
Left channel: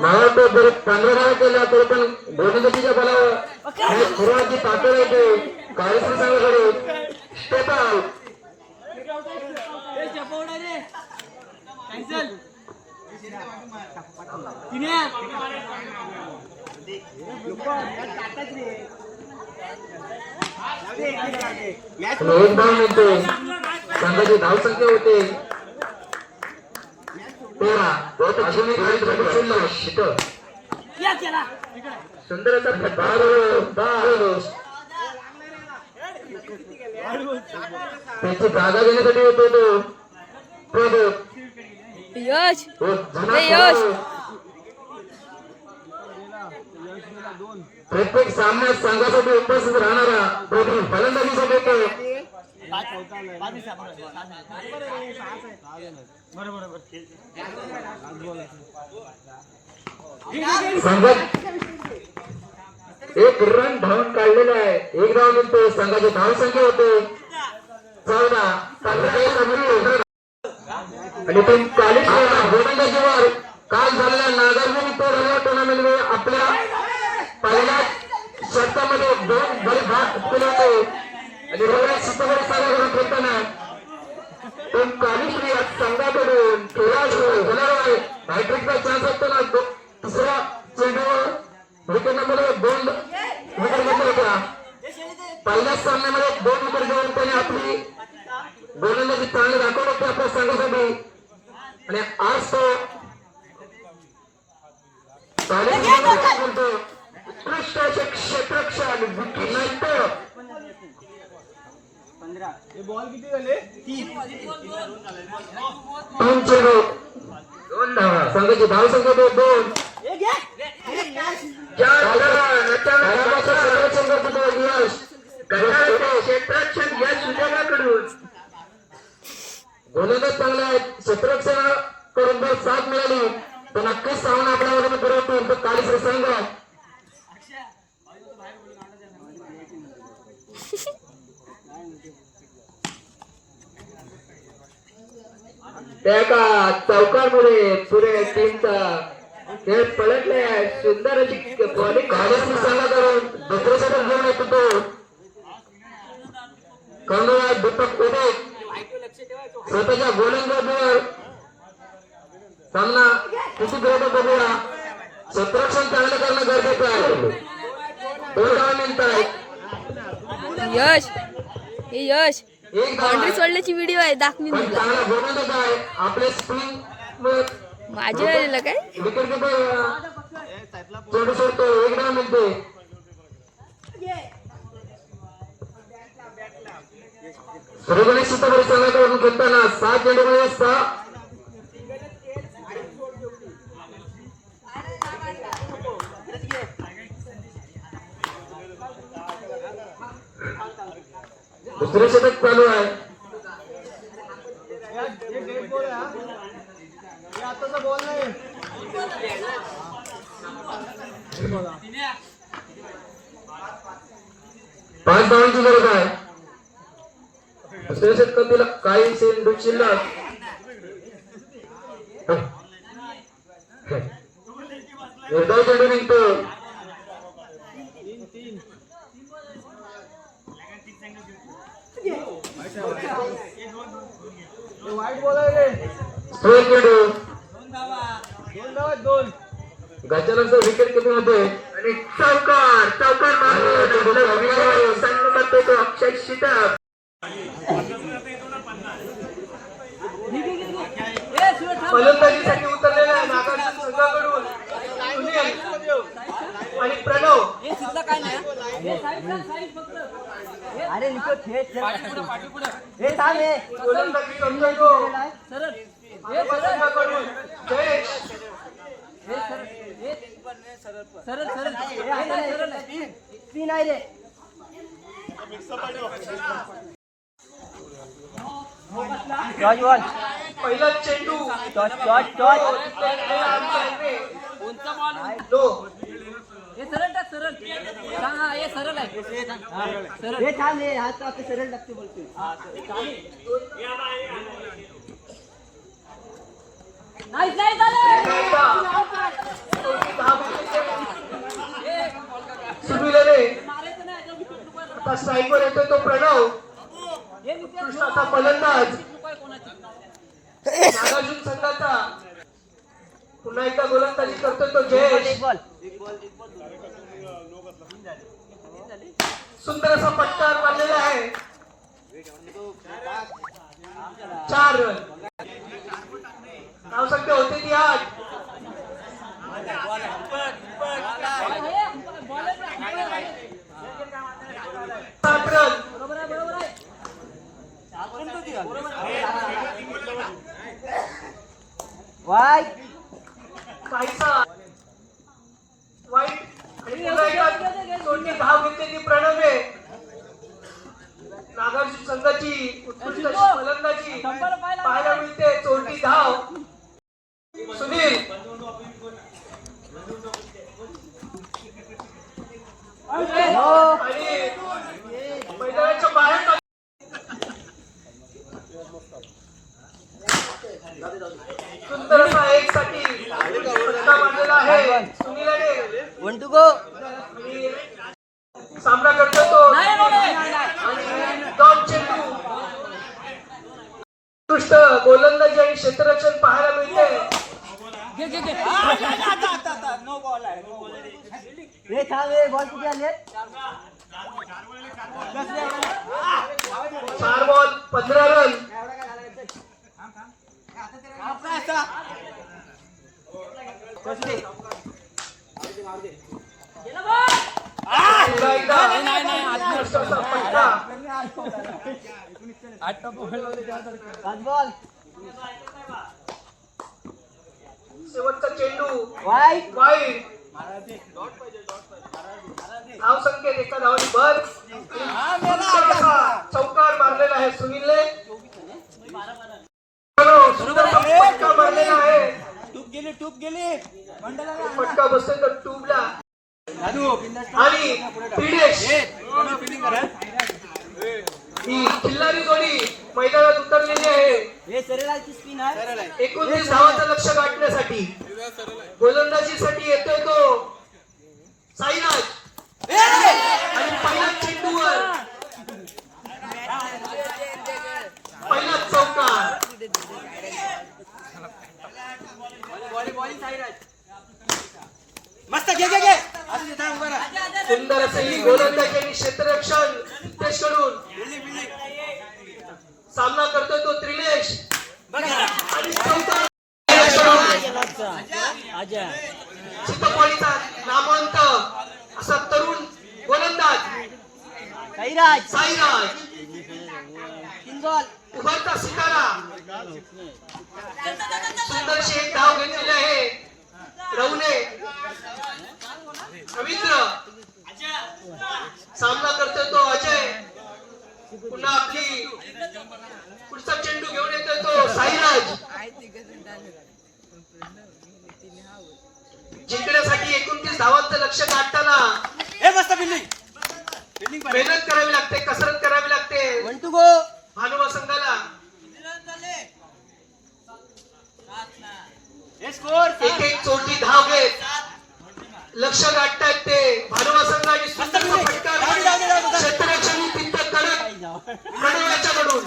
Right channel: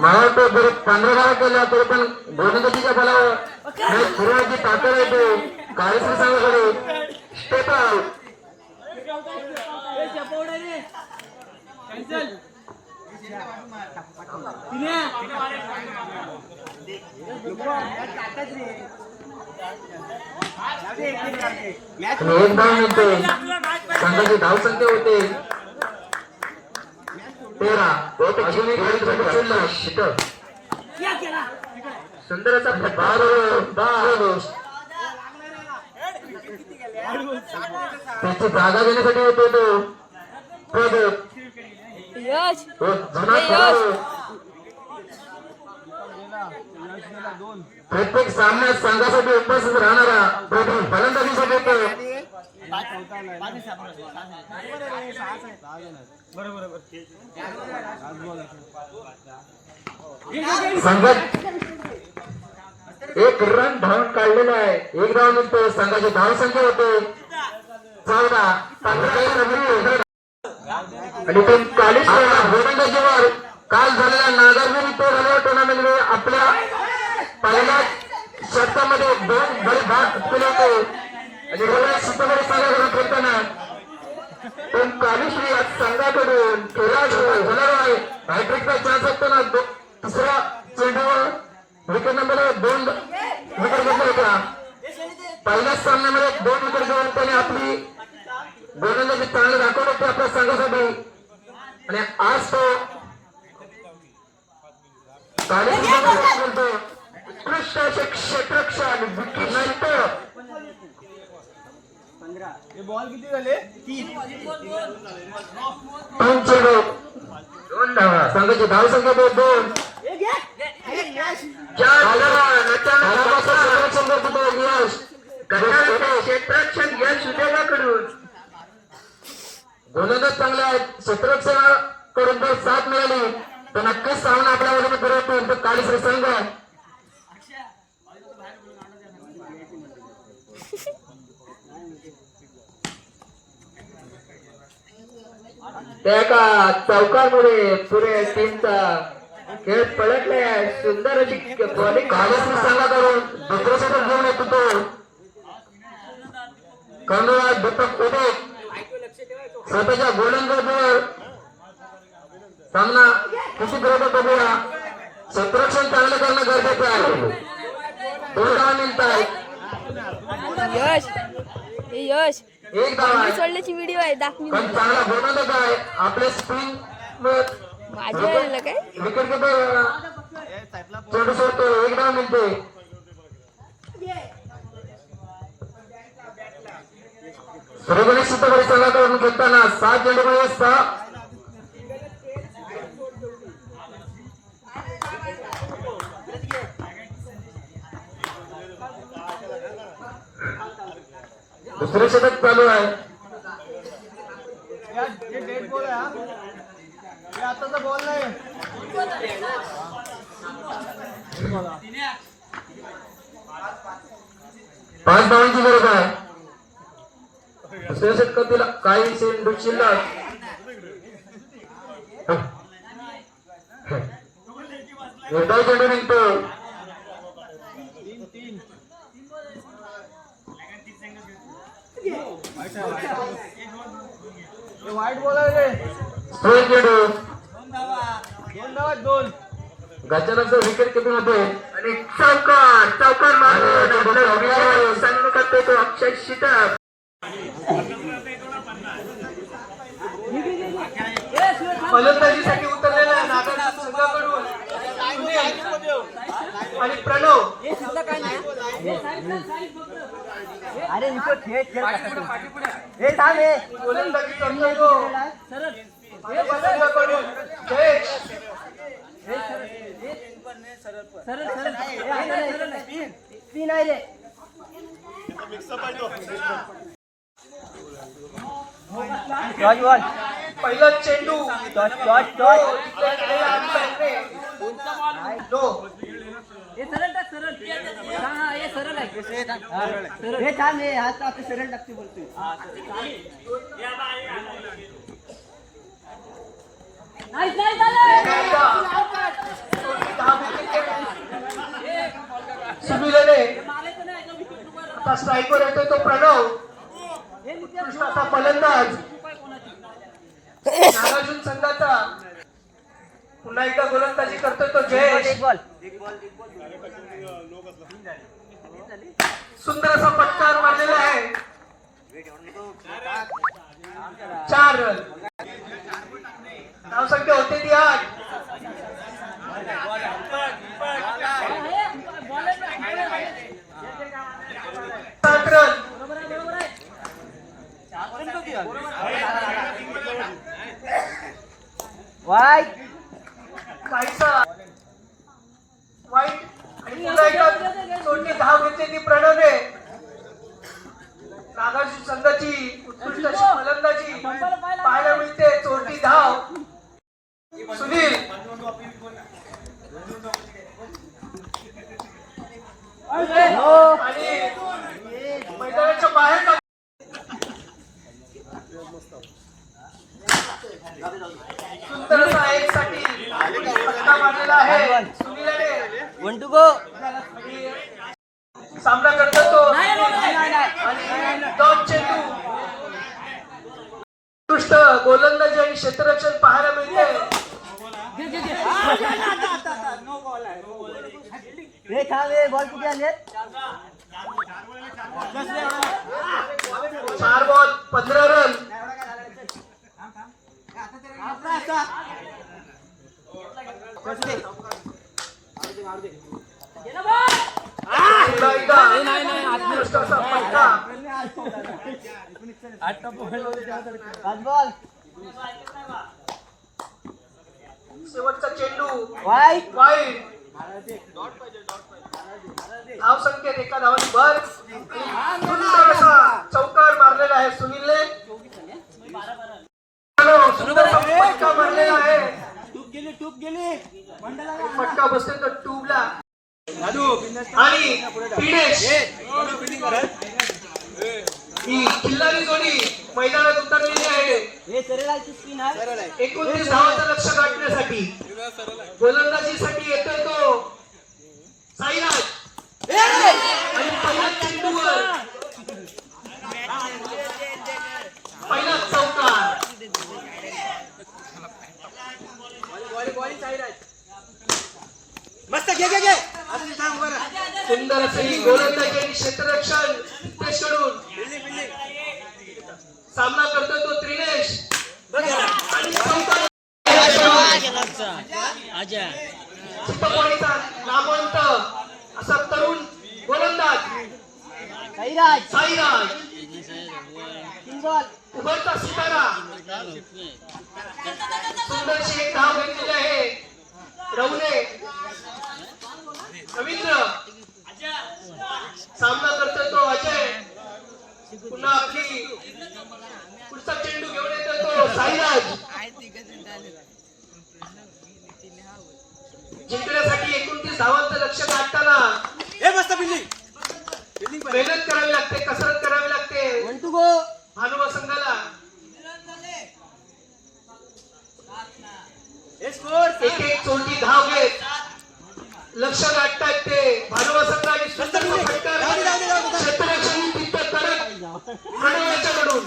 मला तो जर 15 धावा केला तरी पण गोलंदाजीच्या बलावर खेळण्याची ताकद आहे तो काळीश्री संघाकडे स्टेप आउट एक धाव मिळते संघाची धावसंख्या होते 13 अजून एक सुंदर असा त्याची जागा घेण्यासाठी होतो तो यश प्रत्येक सामन्यात संघासाठी उपस्थित राहणारा फलंदाजीसाठी येतो संघात एक रन धावून काढलेला आहे एक धाव निघतो संघाची धावसंख्या होते 14 आणि ते 40 गोलंदाजीवर काल झालेल्या नागार्जुन टुर्नामेंट मध्ये आपल्या पहिल्या षटकामध्ये 2 गडी बाद केले होते आणि मला सुपर सारा खेळताना पण कालीश्री संघाकडून हॅट्रिकचा चान्स असताना तिसरा चेंडूवर विकेट नंबर 2 विकेट घेतला होता पहिल्याच सामन्यामध्ये 2 विकेट घेऊन त्याने आपली गोलंदाजी चांगली दाखवली होती आपल्या संघासाठी आणि आज तो उत्कृष्ट असे क्षेत्ररक्षण विकेटनंतर बॉल किती झाले 3 चेंडू 2 धावा संघाची धावसंख्या 2 क्षेत्ररक्षण या सुदैवाकडून गोलंदाज चांगला आहे क्षेत्ररक्षणाकडून जर साथ मिळाली तर नक्कीच सामना आपल्या बाजूने करतो तो काळीश्री संघ त्या एका चौकामुळे पुरे टीमचा खेळ पलटलाय सुंदर अशी बॉलिंग काळीश्री संघाकडून दुसऱ्या षटक घेऊन येतो तो कमला दीपक उदे स्वतःच्या गोलंदाजीवर सामना किती गरज बघूया क्षेत्ररक्षण चांगलं करणं गरजेचं आहे 2 धावा मिळत आहेत यश यश एक बाउंड्री सोडल्याची व्हिडिओ आहे दाखवीन पण तुला चांगला गोलंदाज आहे आपल्या स्पिन माझ्या आलेलं काय विकेट किपर चेंडू सोडतो 1 धाव मिळते सूर्यकुमार सीतापुरी संघाकडून खेळताना 7 चेंडूमध्ये 6 दुसरे षटक चालू आहे आताचा बॉल नाही 5 धावांची गरज आहे दुसऱ्या षटकातील काही चेंडू शिल्लक निर्धाव चेंडू निघतो वाईट बॉल आहे स्ट्रोक चेंडू 2 धावा 2 गजाननचं विकेट किती होते आणि चौकार मारतो संघ करतो तो अक्षय शीतक फलंदाजीसाठी उतरलेला नागार्जुन संघाकडून सुनील आणि प्रणव. अरे निको खेळ खेळ कसा तू हे थांब हे गोलंदाजी करतो तो जयेश. स्पिन आहे रे टॉच बॉल पहिला चेंडू टॉच टॉच टॉच हे थांब हे हात आपले सरळ लागते बोलतो सुनीलने आता स्ट्राईकवर येतोय तो प्रणव. कृष्णाचा फलंदाज नागार्जुन संघाचा पुन्हा एकदा गोलंदाजी करतोय तो जयेश. एक बॉल सुंदर असा पटकार मारलेला आहे. 4 रन. धावसंख्या होती ती 8. सात रन. वाईट काहीसा वाईट आणि पुन्हा एकदा सोडणी धाव घेतलेली प्रणवने. नागार्जुन संघाची उत्कृष्ट अशी फलंदाजी पाहायला मिळते. चोरटी धाव सुनील. आणि मैदानाच्या बाहेर सुंदर असा एक साठी फटका मारलेला आहे सुनीलने. 1 to go सामना करतो तो आणि 2 चेंडू. उत्कृष्ट गोलंदाजी आणि क्षेत्ररक्षण पाहायला मिळते. हे थांब हे बॉल किती आले 4 बॉल 15 रन. पुन्हा एकदा उत्कृष्ट असा फटका. 5 बॉल शेवटचा चेंडू वाईट वाईड. धाव संख्येत एका धावांनी भर. सुंदर असा चौकार मारलेला आहे सुनीलने. सुंदर असा फटका मारलेला आहे. फटका बसतोय तर ट्यूबला. आणि दिनेश ही खिल्लारी जोडी मैदानात उतरलेली आहे. हे सरळाची स्पिन आहे 29 धावांचं लक्ष गाठण्यासाठी. गोलंदाजीसाठी येतोय तो साईराज. आणि पहिल्या चेंडूवर पहिला चौकार. सुंदर असे ही गोलंदाजी आणि क्षेत्ररक्षण नितेश कडून. सामना करतोय तो त्रिनेश. आणि चित्तपाणीचा नामवंत असा तरुण गोलंदाज साईराज साईराज. 3 बॉल उभरता सितारा. सुंदरशी एक धाव घेतलेली आहे रवने. रवींद्र. सामना करतोय तो अजय. पुन्हा आपली पुढचा चेंडू घेऊन येतोय तो साईराज. जिंकण्यासाठी 29 धावांचं लक्ष गाठताना मेहनत करावी लागते, कसरत करावी लागते 1 to go भानुमा संघाला. एक एक चोटी धाव घेत लक्ष गाठतायत ते भानुमा संघ. आणि सुंदर फटकार क्षेत्ररक्षण तिथं करत कडवळ्याच्याकडून.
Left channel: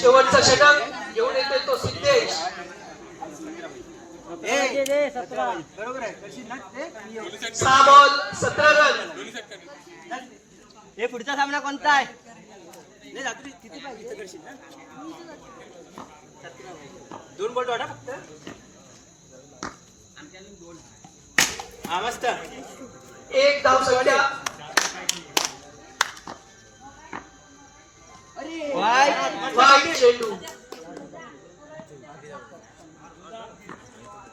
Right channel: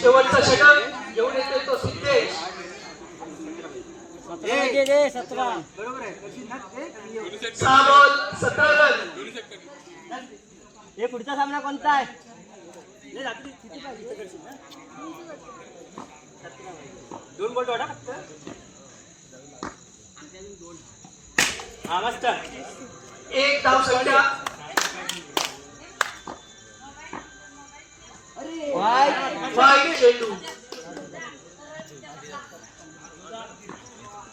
शेवटचा षटक घेऊन येतोय तो सिद्धेश. बरोबर आहे करशील ना ते? मी येऊ. 6 बॉल 17 रन. हे पुढचा सामना कोणता आहे? नाही, रात्री किती पाहिजे इथं करशील ना? 2 बॉल वाटा फक्त. हा मस्त. 1 धाव संख्या. वाईट चेंडू.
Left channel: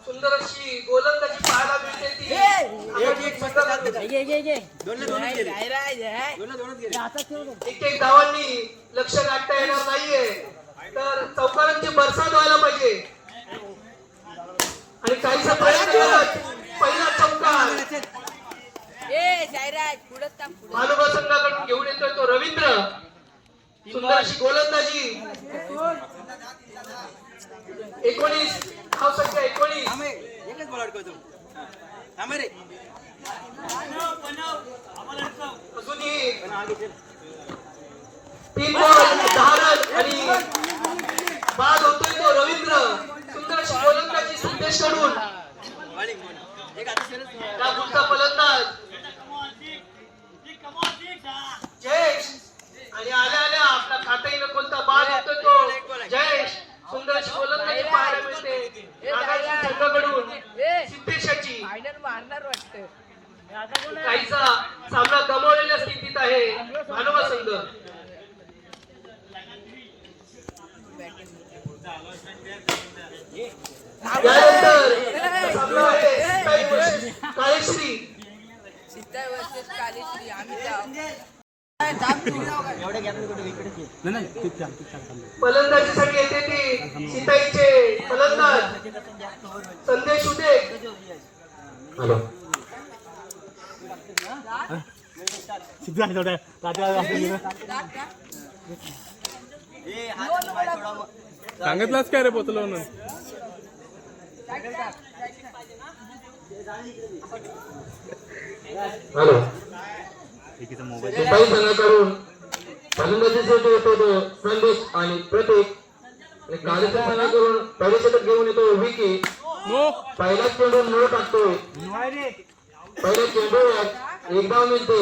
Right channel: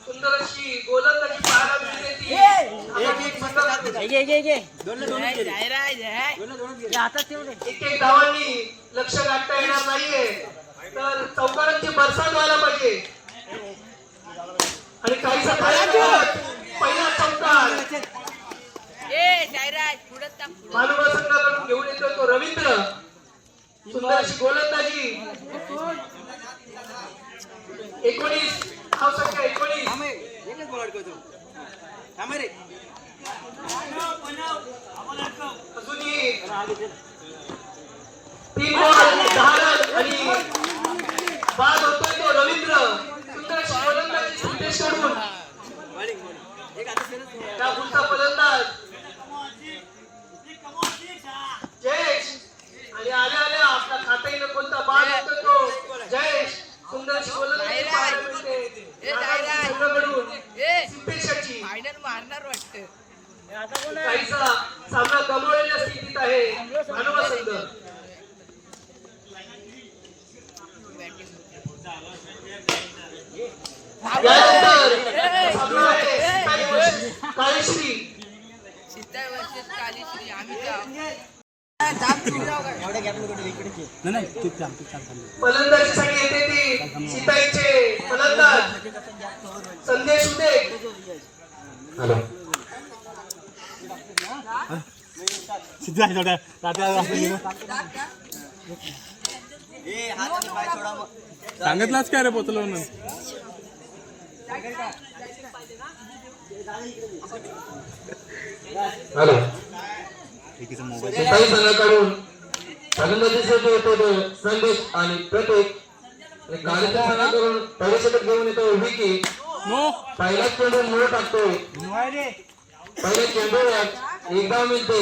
सुंदर अशी गोलंदाजी पाहायला मिळते ती. एक धावांनी लक्ष गाठता येणार नाहीये, तर चौकारांची बरसात व्हायला पाहिजे. आणि काहीसा पहिला चौकार मानुबा संघाकडून घेऊन येतोय तो रवींद्र. सुंदर अशी गोलंदाजी. 19 धाव संख्या 19. एकच बॉल अडकवतो. थांब रे. अजूनही 3 बॉल 10 रन आणि बाद होतोय तो रवींद्र. सुंदर अशी गोलंदाजी संदेश कडून. एक आता सेलच त्या पुढचा फलंदाज जयेश. आणि आल्या आल्या आपला खात्याने कोणता बाद होतो तो जयेश. सुंदर अशी गोलंदाजी पाहायला मिळते नागार्जुन संघाकडून सिद्धेशाची. काहीसा सामना गमावलेल्या स्थितीत आहे मानवा संघ. त्यानंतर सामना आहे काळेश्री. फलंदाजीसाठी येते ती सीताईचे फलंदाज संदेश उदे. सांगितलंच काय रे पोचलो म्हणून. हॅलो सिपाही संघाकडून फलंदाजीसाठी येतो तो संदेश आणि प्रतीक. आणि काळेच्या संघाकडून पहिल्या षटक घेऊन येतो विकी. पहिला चेंडू मूळ टाकतो. पहिल्या चेंडूवर 1 धाव मिळते.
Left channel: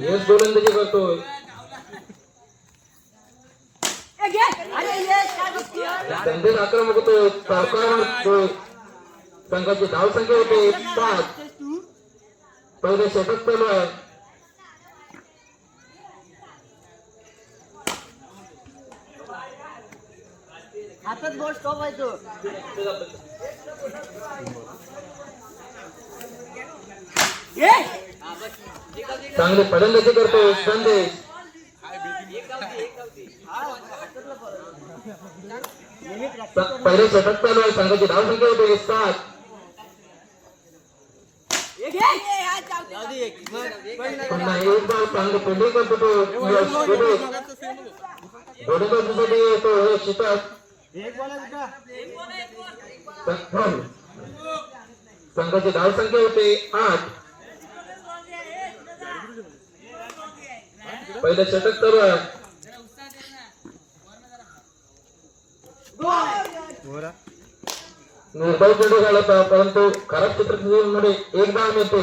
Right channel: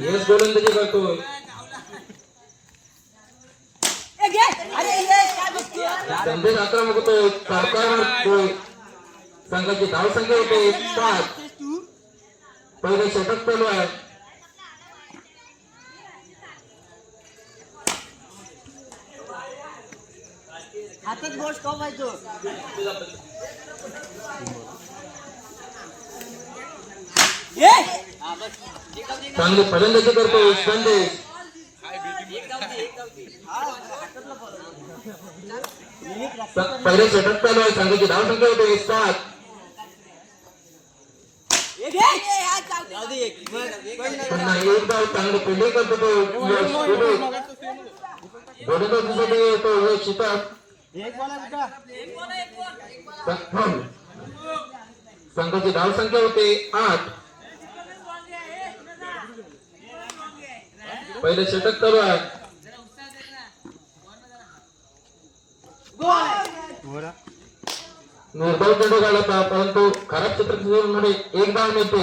हेच गोलंदाजी करतोय. संदेश आक्रमक होतोय. सरकार मारतोय. संघाची धाव संख्या होते 7. पहिले षटक चालू आहे. हातात बॉल स्टॉप आहे तो. चांगली फलंदाजी करतोय संदेश. पहिले षटक चालू आहे. संघाची धाव संख्या होते 7. पुन्हा 1 धाव. चांगली फिल्डिंग करतो तो यश कुडे. गोलंदाजीसाठी येतो यश शितात. संघाची धाव संख्या होते 8. पहिलं षटक चालू आहे. निर्धाव चेंडू घालत परंतु खराब क्षेत्रमध्ये 1 धाव मिळते.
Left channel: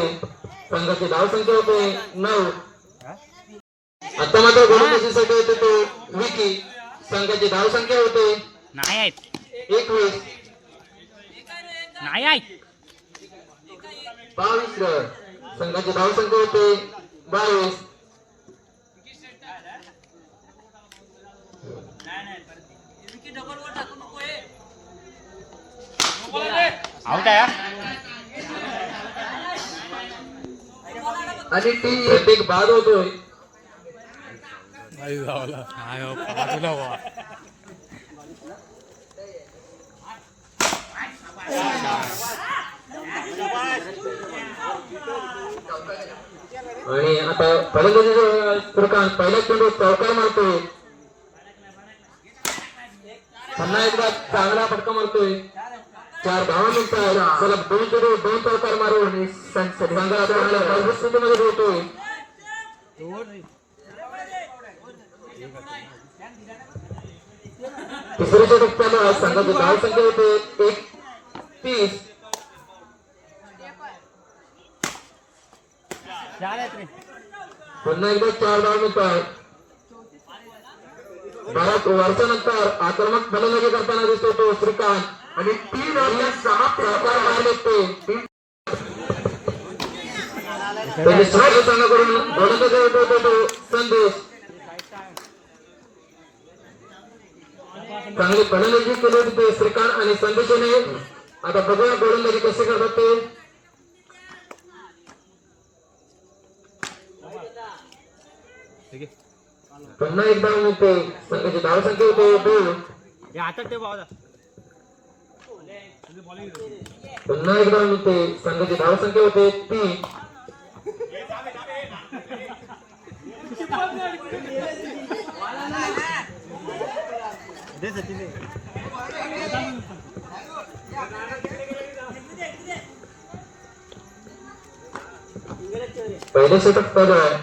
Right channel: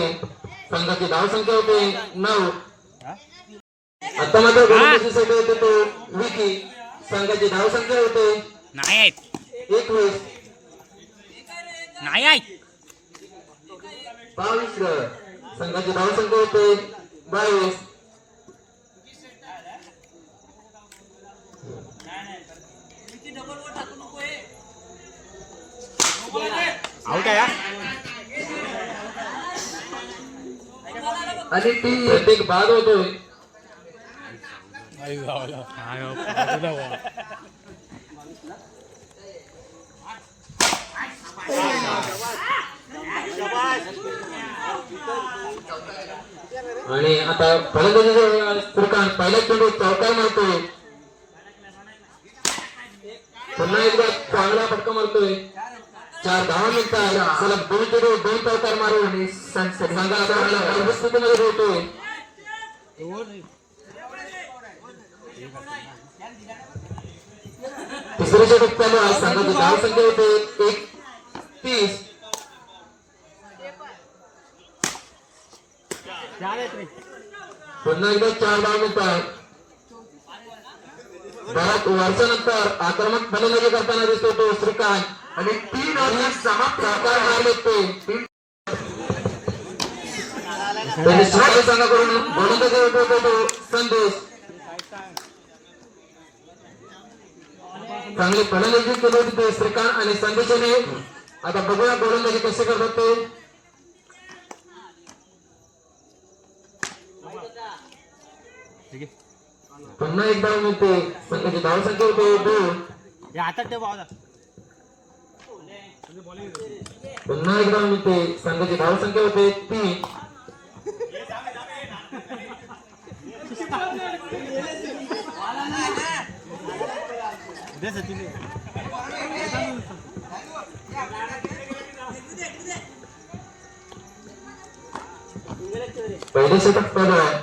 संघाची धाव संख्या होते 9. आता मात्र गोलंदाजीसाठी येतो तो विकी. संघाची धाव संख्या होते 21. 22 रन. संघाची धाव संख्या होते 22. आणि ती एक बाद होतोय. आणि आता फलंदाजीचा श्रीकांत पहिल्या चेंडू चौकार मारतोय. पुन्हा एकदा चांगला फटका मारतोय. 4 धावा मिळतात. सलग 2 चेंडू 2 चौकार मारून संघाला चांगल्या मजबूत स्थितीमध्ये ठेवतो. तिसरे षटक चालू आहे. संघाची धाव संख्या होते 31. पुन्हा एकदा 4 धाव मिळतात. बऱ्याच वर्षानंतर आक्रमक फलंदाजी करताना दिसतो तो श्रीकांत आणि 3 ओव्हर समाप्त मारले ते. संघाकडून गोलंदाजी उठवतो तो संदेश. चांगली फलंदाजी केली होती ते श्रीकांत आणि संदेशाने. आता बघूया गोलंदाजी कसे करतात ते. पुन्हा एकदा मिळते. संघाची धाव संख्या होते 2. पुन्हा एकदा मिळते. संघाची धाव संख्या होते 3. पहिले षटक चालू आहे.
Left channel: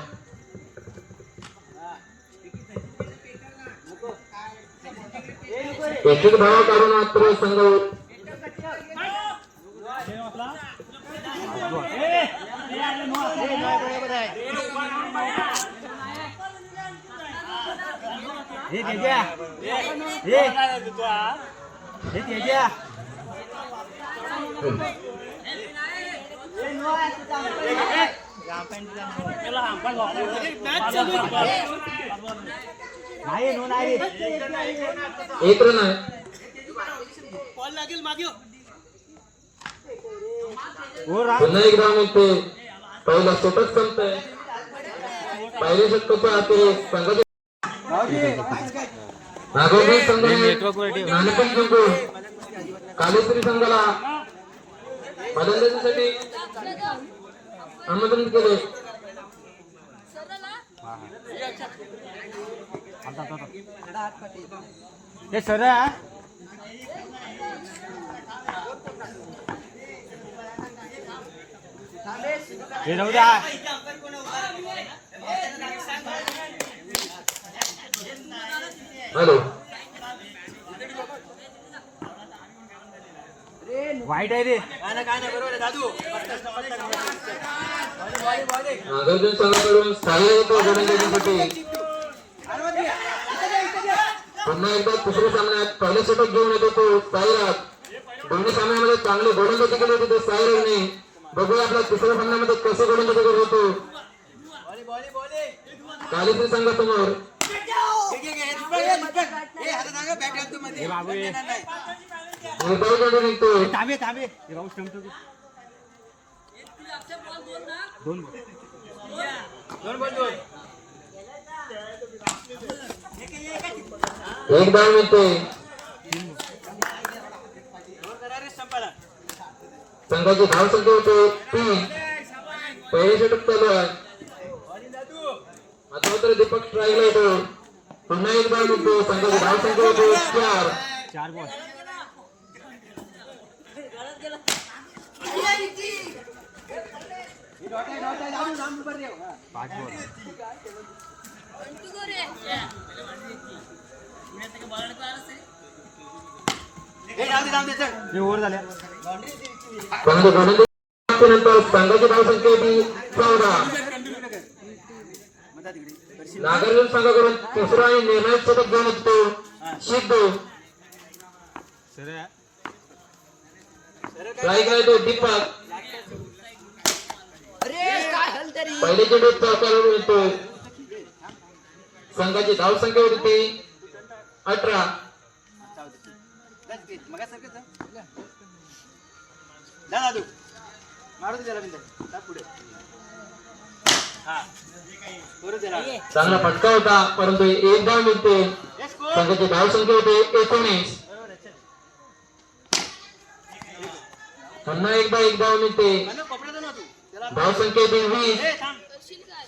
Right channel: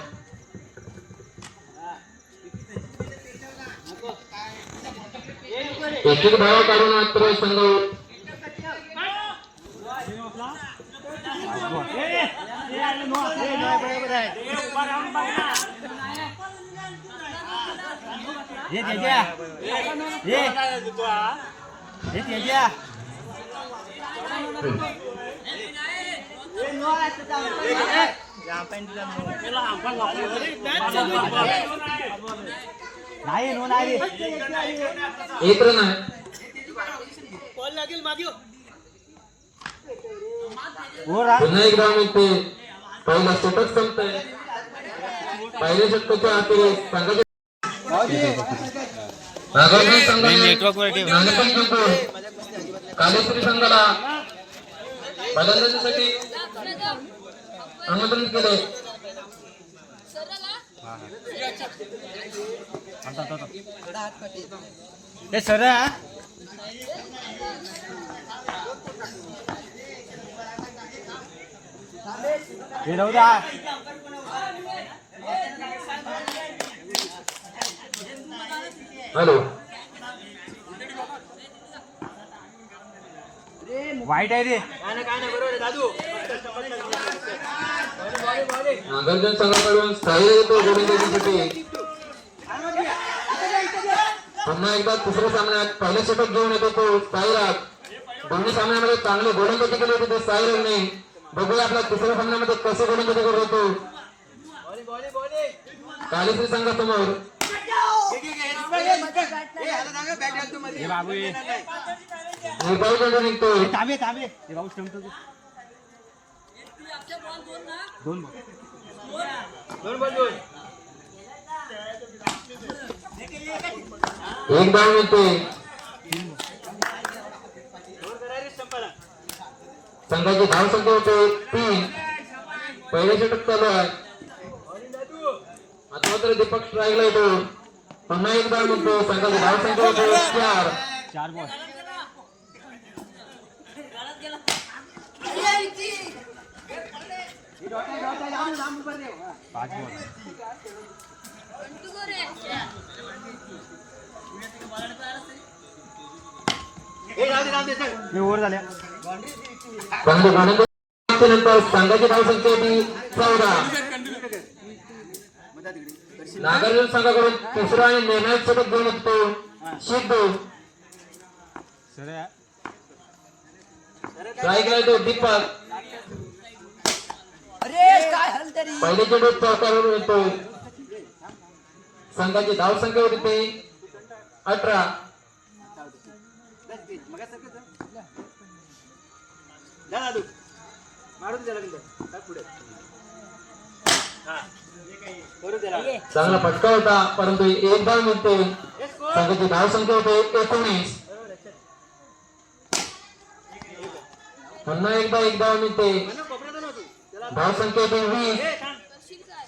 एक एक धावा काढून मात्र संघ एक रन आहे. पुन्हा एकदा मिळते. पहिला षटक संपतंय. पहिले षटकाच्या आखरी संघाचे नागरगोविंद संघाने नाणेफेक जिंकून कालेश्वरी संघाला फलंदाजीसाठी आमंत्रित केले. हॅलो वाईट आहे रे. नागार्जुन संघाकडून स्थायी होतो गोलंदाजीसाठी. पुन्हा एकदा तिसऱ्या सामन्यात पहिल्या षटक घेऊन येतो तो साईराज. दोन्ही सामन्यामध्ये चांगली गोलंदाजी केली होती ते साईराजने. बघूया आपल्या तिसऱ्या सामन्यामध्ये कसे गोलंदाजी करत होतो. कालेश्वरी संघासमोर निर्धाव चेंडू निघतोय. एक धाव मिळते. संघाची धाव संख्या होते 3. पहिले षटक चालू आहे. आता मात्र दीपक स्ट्राईकला येतो. पुन्हा एक धाव मिळतो. संघाची धाव संख्या होते 4 बॉल. नंतर संघाची धाव संख्या होती 14. नागार्जुन संघाकडून तिसरा आणि निर्णायक षटक घेऊन येतो सिद्धू. स्ट्राईकला येतो दीपक. पहिले चेंडू चौकारून येतो. संघाची धाव संख्या होती ती 18. चांगला फटका होता परंतु एक धाव मिळते. संघाची धाव संख्या होते 19. पुन्हा एकदा एक धाव मिळते. धाव संख्या होती 20.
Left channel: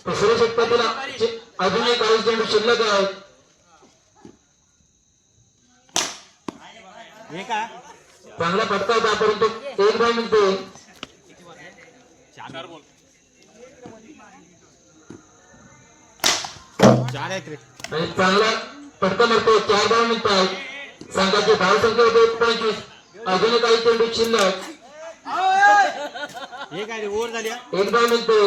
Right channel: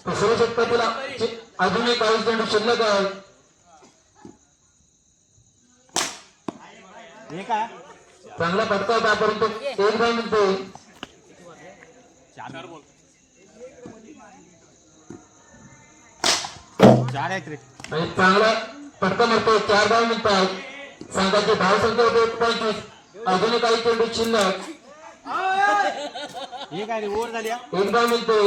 तिसऱ्या षटकातील अजून एक 40 चेंडू शिल्लक आहेत. चांगला फटका होता परंतु एक धाव मिळते. आणि चांगला फटका मारतो. 4 धाव मिळतात. संघाची धाव संख्या होते 25. अजूनही काही चेंडू शिल्लक. एक धाव मिळते.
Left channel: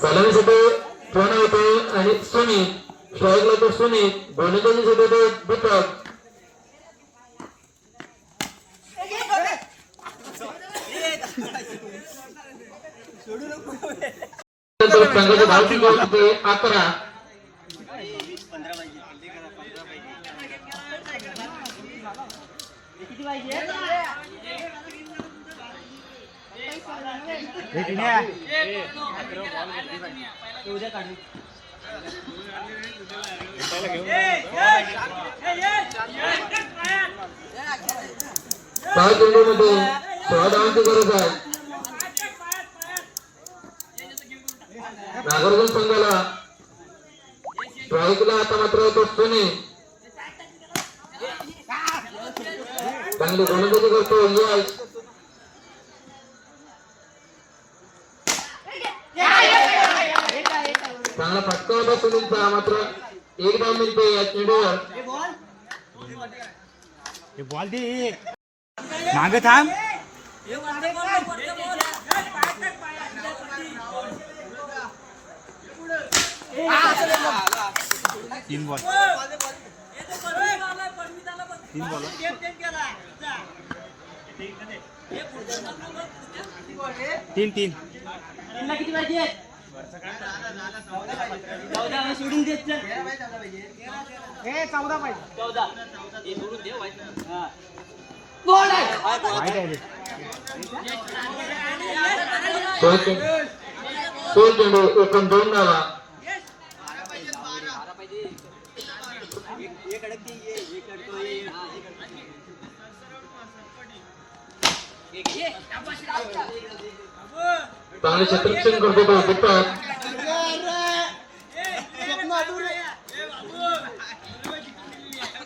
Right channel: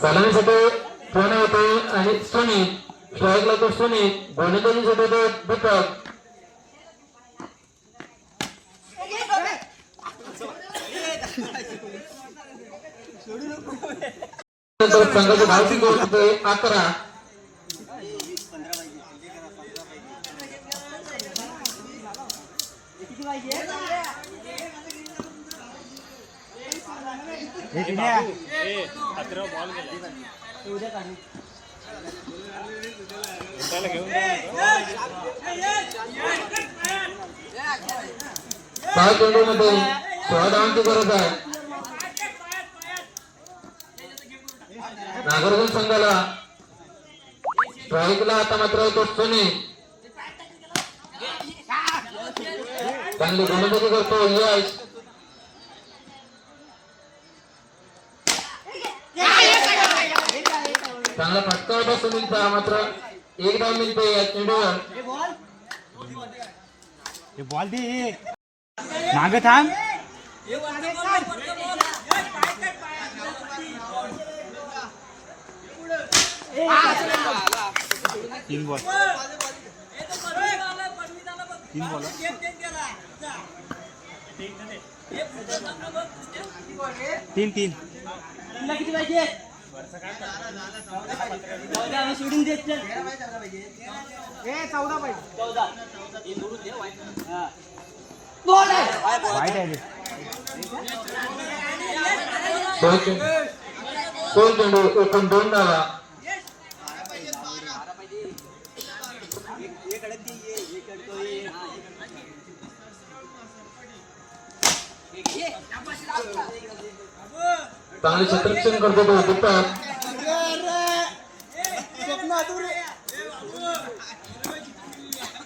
सलामीसाठी फोन येतो आणि सोनी स्ट्राईकला तो सोनी गोलंदाजीसाठी तो दीपक. संघाची धावची गोल होते 11. सहा चेंडूमध्ये 16 धावांची गरज आहे. नागरगोल संघाला स्ट्राईकला आता मात्र होतो सोनी. चांगली गोलंदाजी करतो यश. चांगला फटका होता सुनीलचा मात्र एक धाव मिळते या चेंडूवर. मागे थांब. तीन बॉल तीन तीन किती पाहिजे? सोडून देत सोल चेंडू एकूण 2 धावा. चांगले क्षेत्ररक्षण करतो तो दीपक.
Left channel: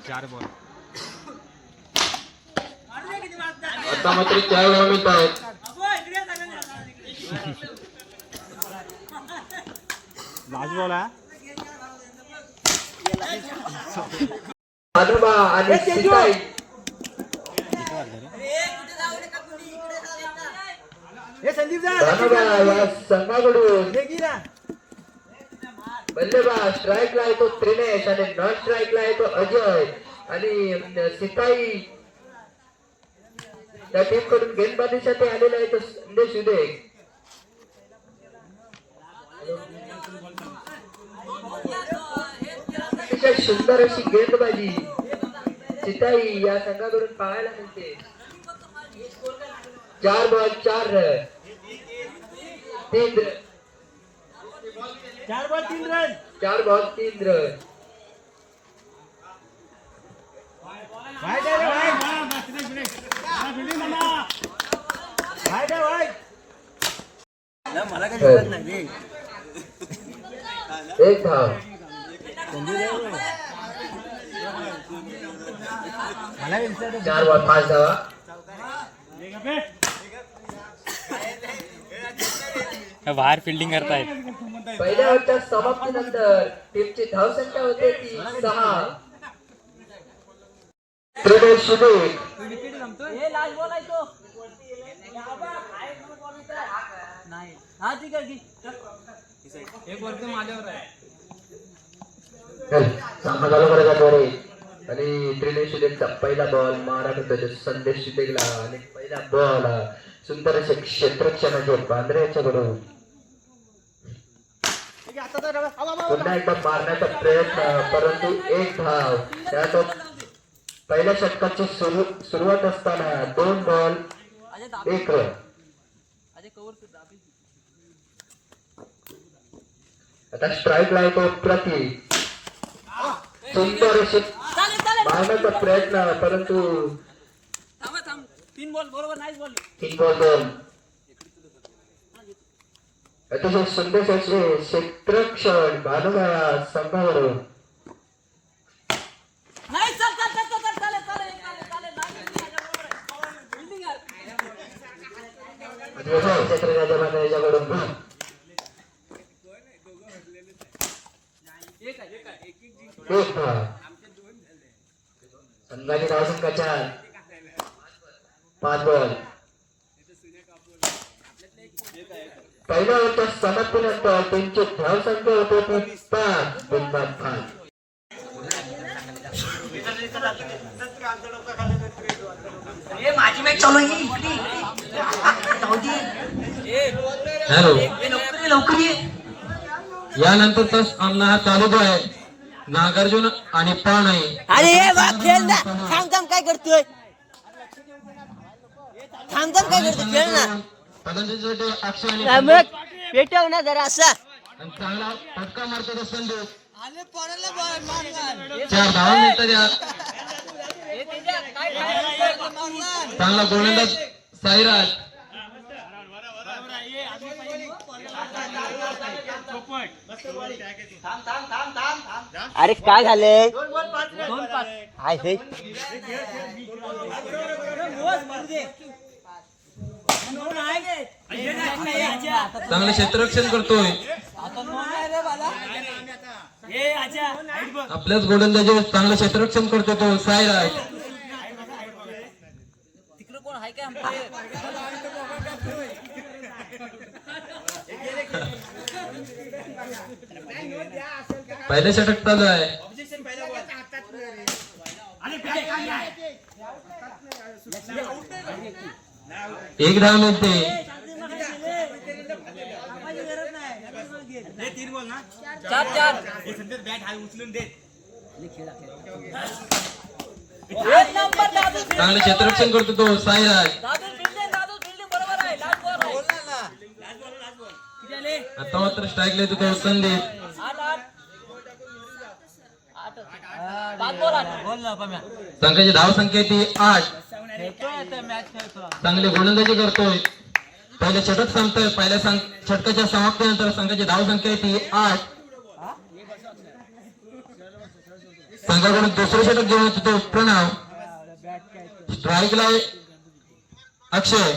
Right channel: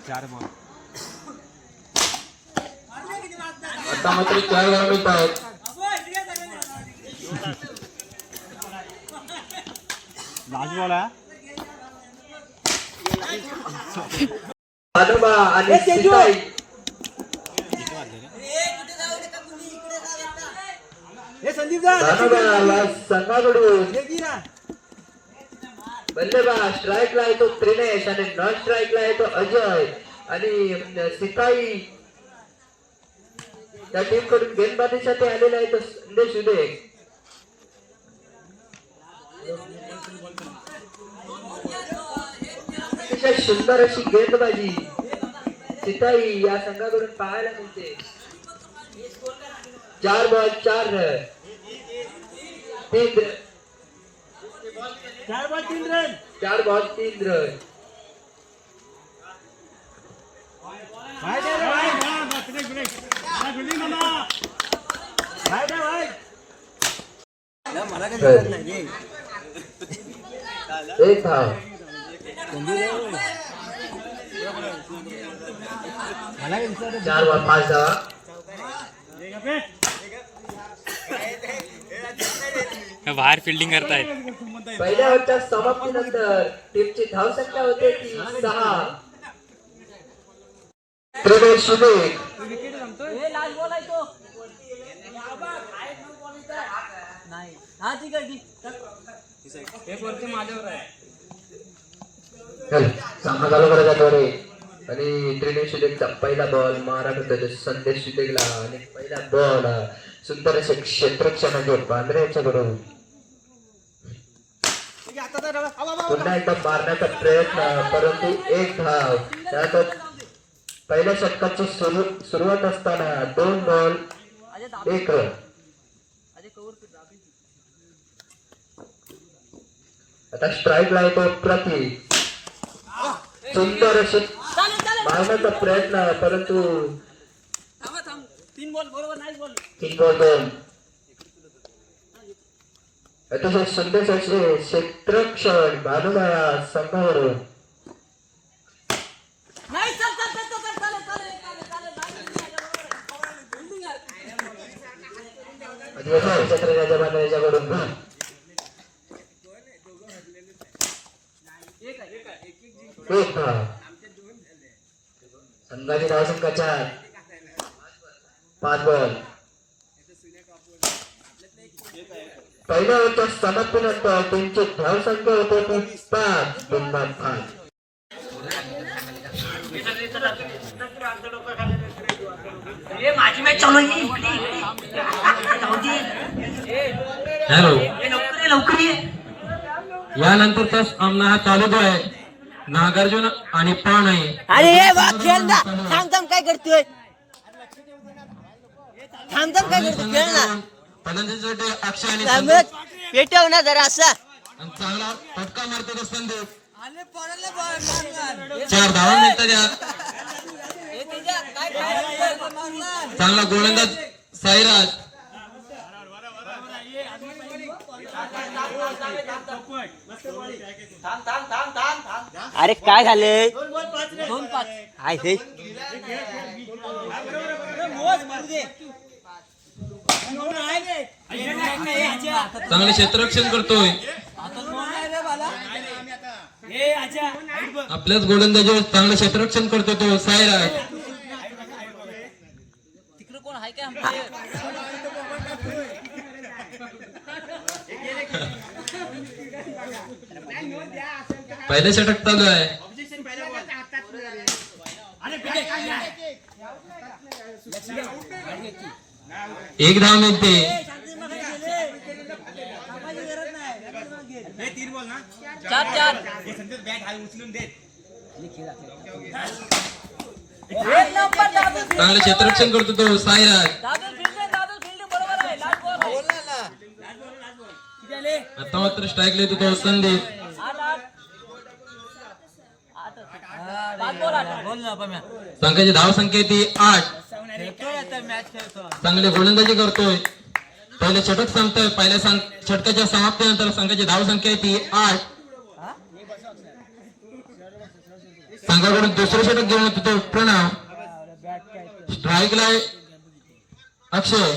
चार बॉल. आता मात्र 4 धावा मिळत आहेत. लास्ट बॉल हा. आजोबा आणि सीताई दानोबा या संघाकडून बल्लेबाज स्ट्राईकला आहे तो त्रिनेश आणि नॉन स्ट्राईकला आहे तो अजय आणि सिपाई या टीम कडून गेंदबाजीसाठी आलेला आहे तो संदेश उदे. सुंदर अशी गेंदबाजी सिताई या संघाकडून पाहायला मिळते. 4 ball 4 run. 4 ball 3 run. 4 ball 3 run. मला काही दिसत नाही रे. एक धाव. मला काही दिसत 4 बॉल 5 धावा. बाहेर फिल्डिंग करतायत. पहिल्या ओव्हरच्या समाप्तीनंतर टीमची धावसंख्या होते ती 6. त्रिनेश उदे लास्ट बॉल आहे तो. नाही हा ठीक आहे सामना चालू करायचा आणि त्रिनेश उदेचा पहिला बॉल मारा होता संदेश उदेला आणि पहिला बॉल सुंदर असे क्षेत्ररक्षणाचे बांद्र्याच्या बरोबर पुन्हा एकदा मारण्याचा प्रयत्न परंतु एक धाव. त्यात पहिल्या षटकाची सुरुवात असताना 2 बॉल 1 रन. आता स्ट्राईक ला येतो प्रति सुंदर अशी मारण्याचा प्रयत्न परंतु 3 बॉल दोन. अतिशय सुंदर असे क्षेत्रक्षण भानुमाया संघावरून. क्षेत्रराजा भानुमायाच्याकडून एक धाव. संघाची धावसंख्या 5 बॉल. पहिल्या ओव्हरच्या समाप्तीनंतर त्यांची धावसंख्या होती 5 गुणबाद. हॅलो, यानंतरचा सामना हा चालू आहे. नागार्जुन आणि पाण आहे. अरे हे वा खेळ ना. थांब काय करतोय? थांब काय करतोय? खेळ ना. फलंदाजीसाठी अक्षय आणि थांब, पेटव ना जरा असा. आणि चांगला फटका मारते तो संदेश. 4 धावा मिळतात यात. चांगला गोलंदाज साईराज. अरे काय झालंय? हाय हे चांगले क्षेत्ररक्षण करतोय. आपल्याच गोलंदाजीवर चांगलं क्षेत्ररक्षण करतो तो साईराज. पहिलं षटक चालू आहे. एक धाव मिळते. चांगलं क्षेत्ररक्षण करतो तो साईराज. आता मात्र स्ट्राईक येतो तो संदेश. संघाची धावसंख्या ती 8. चांगली गोलंदाजी करतोय. पहिले षटक संपतोय. पहिल्या षटकाच्या समाप्तीनंतर संघाची धावसंख्या ती 8. संघाकडून दुसरे षटक घेऊन येतो तो प्रणव. स्ट्राईकला अक्षय.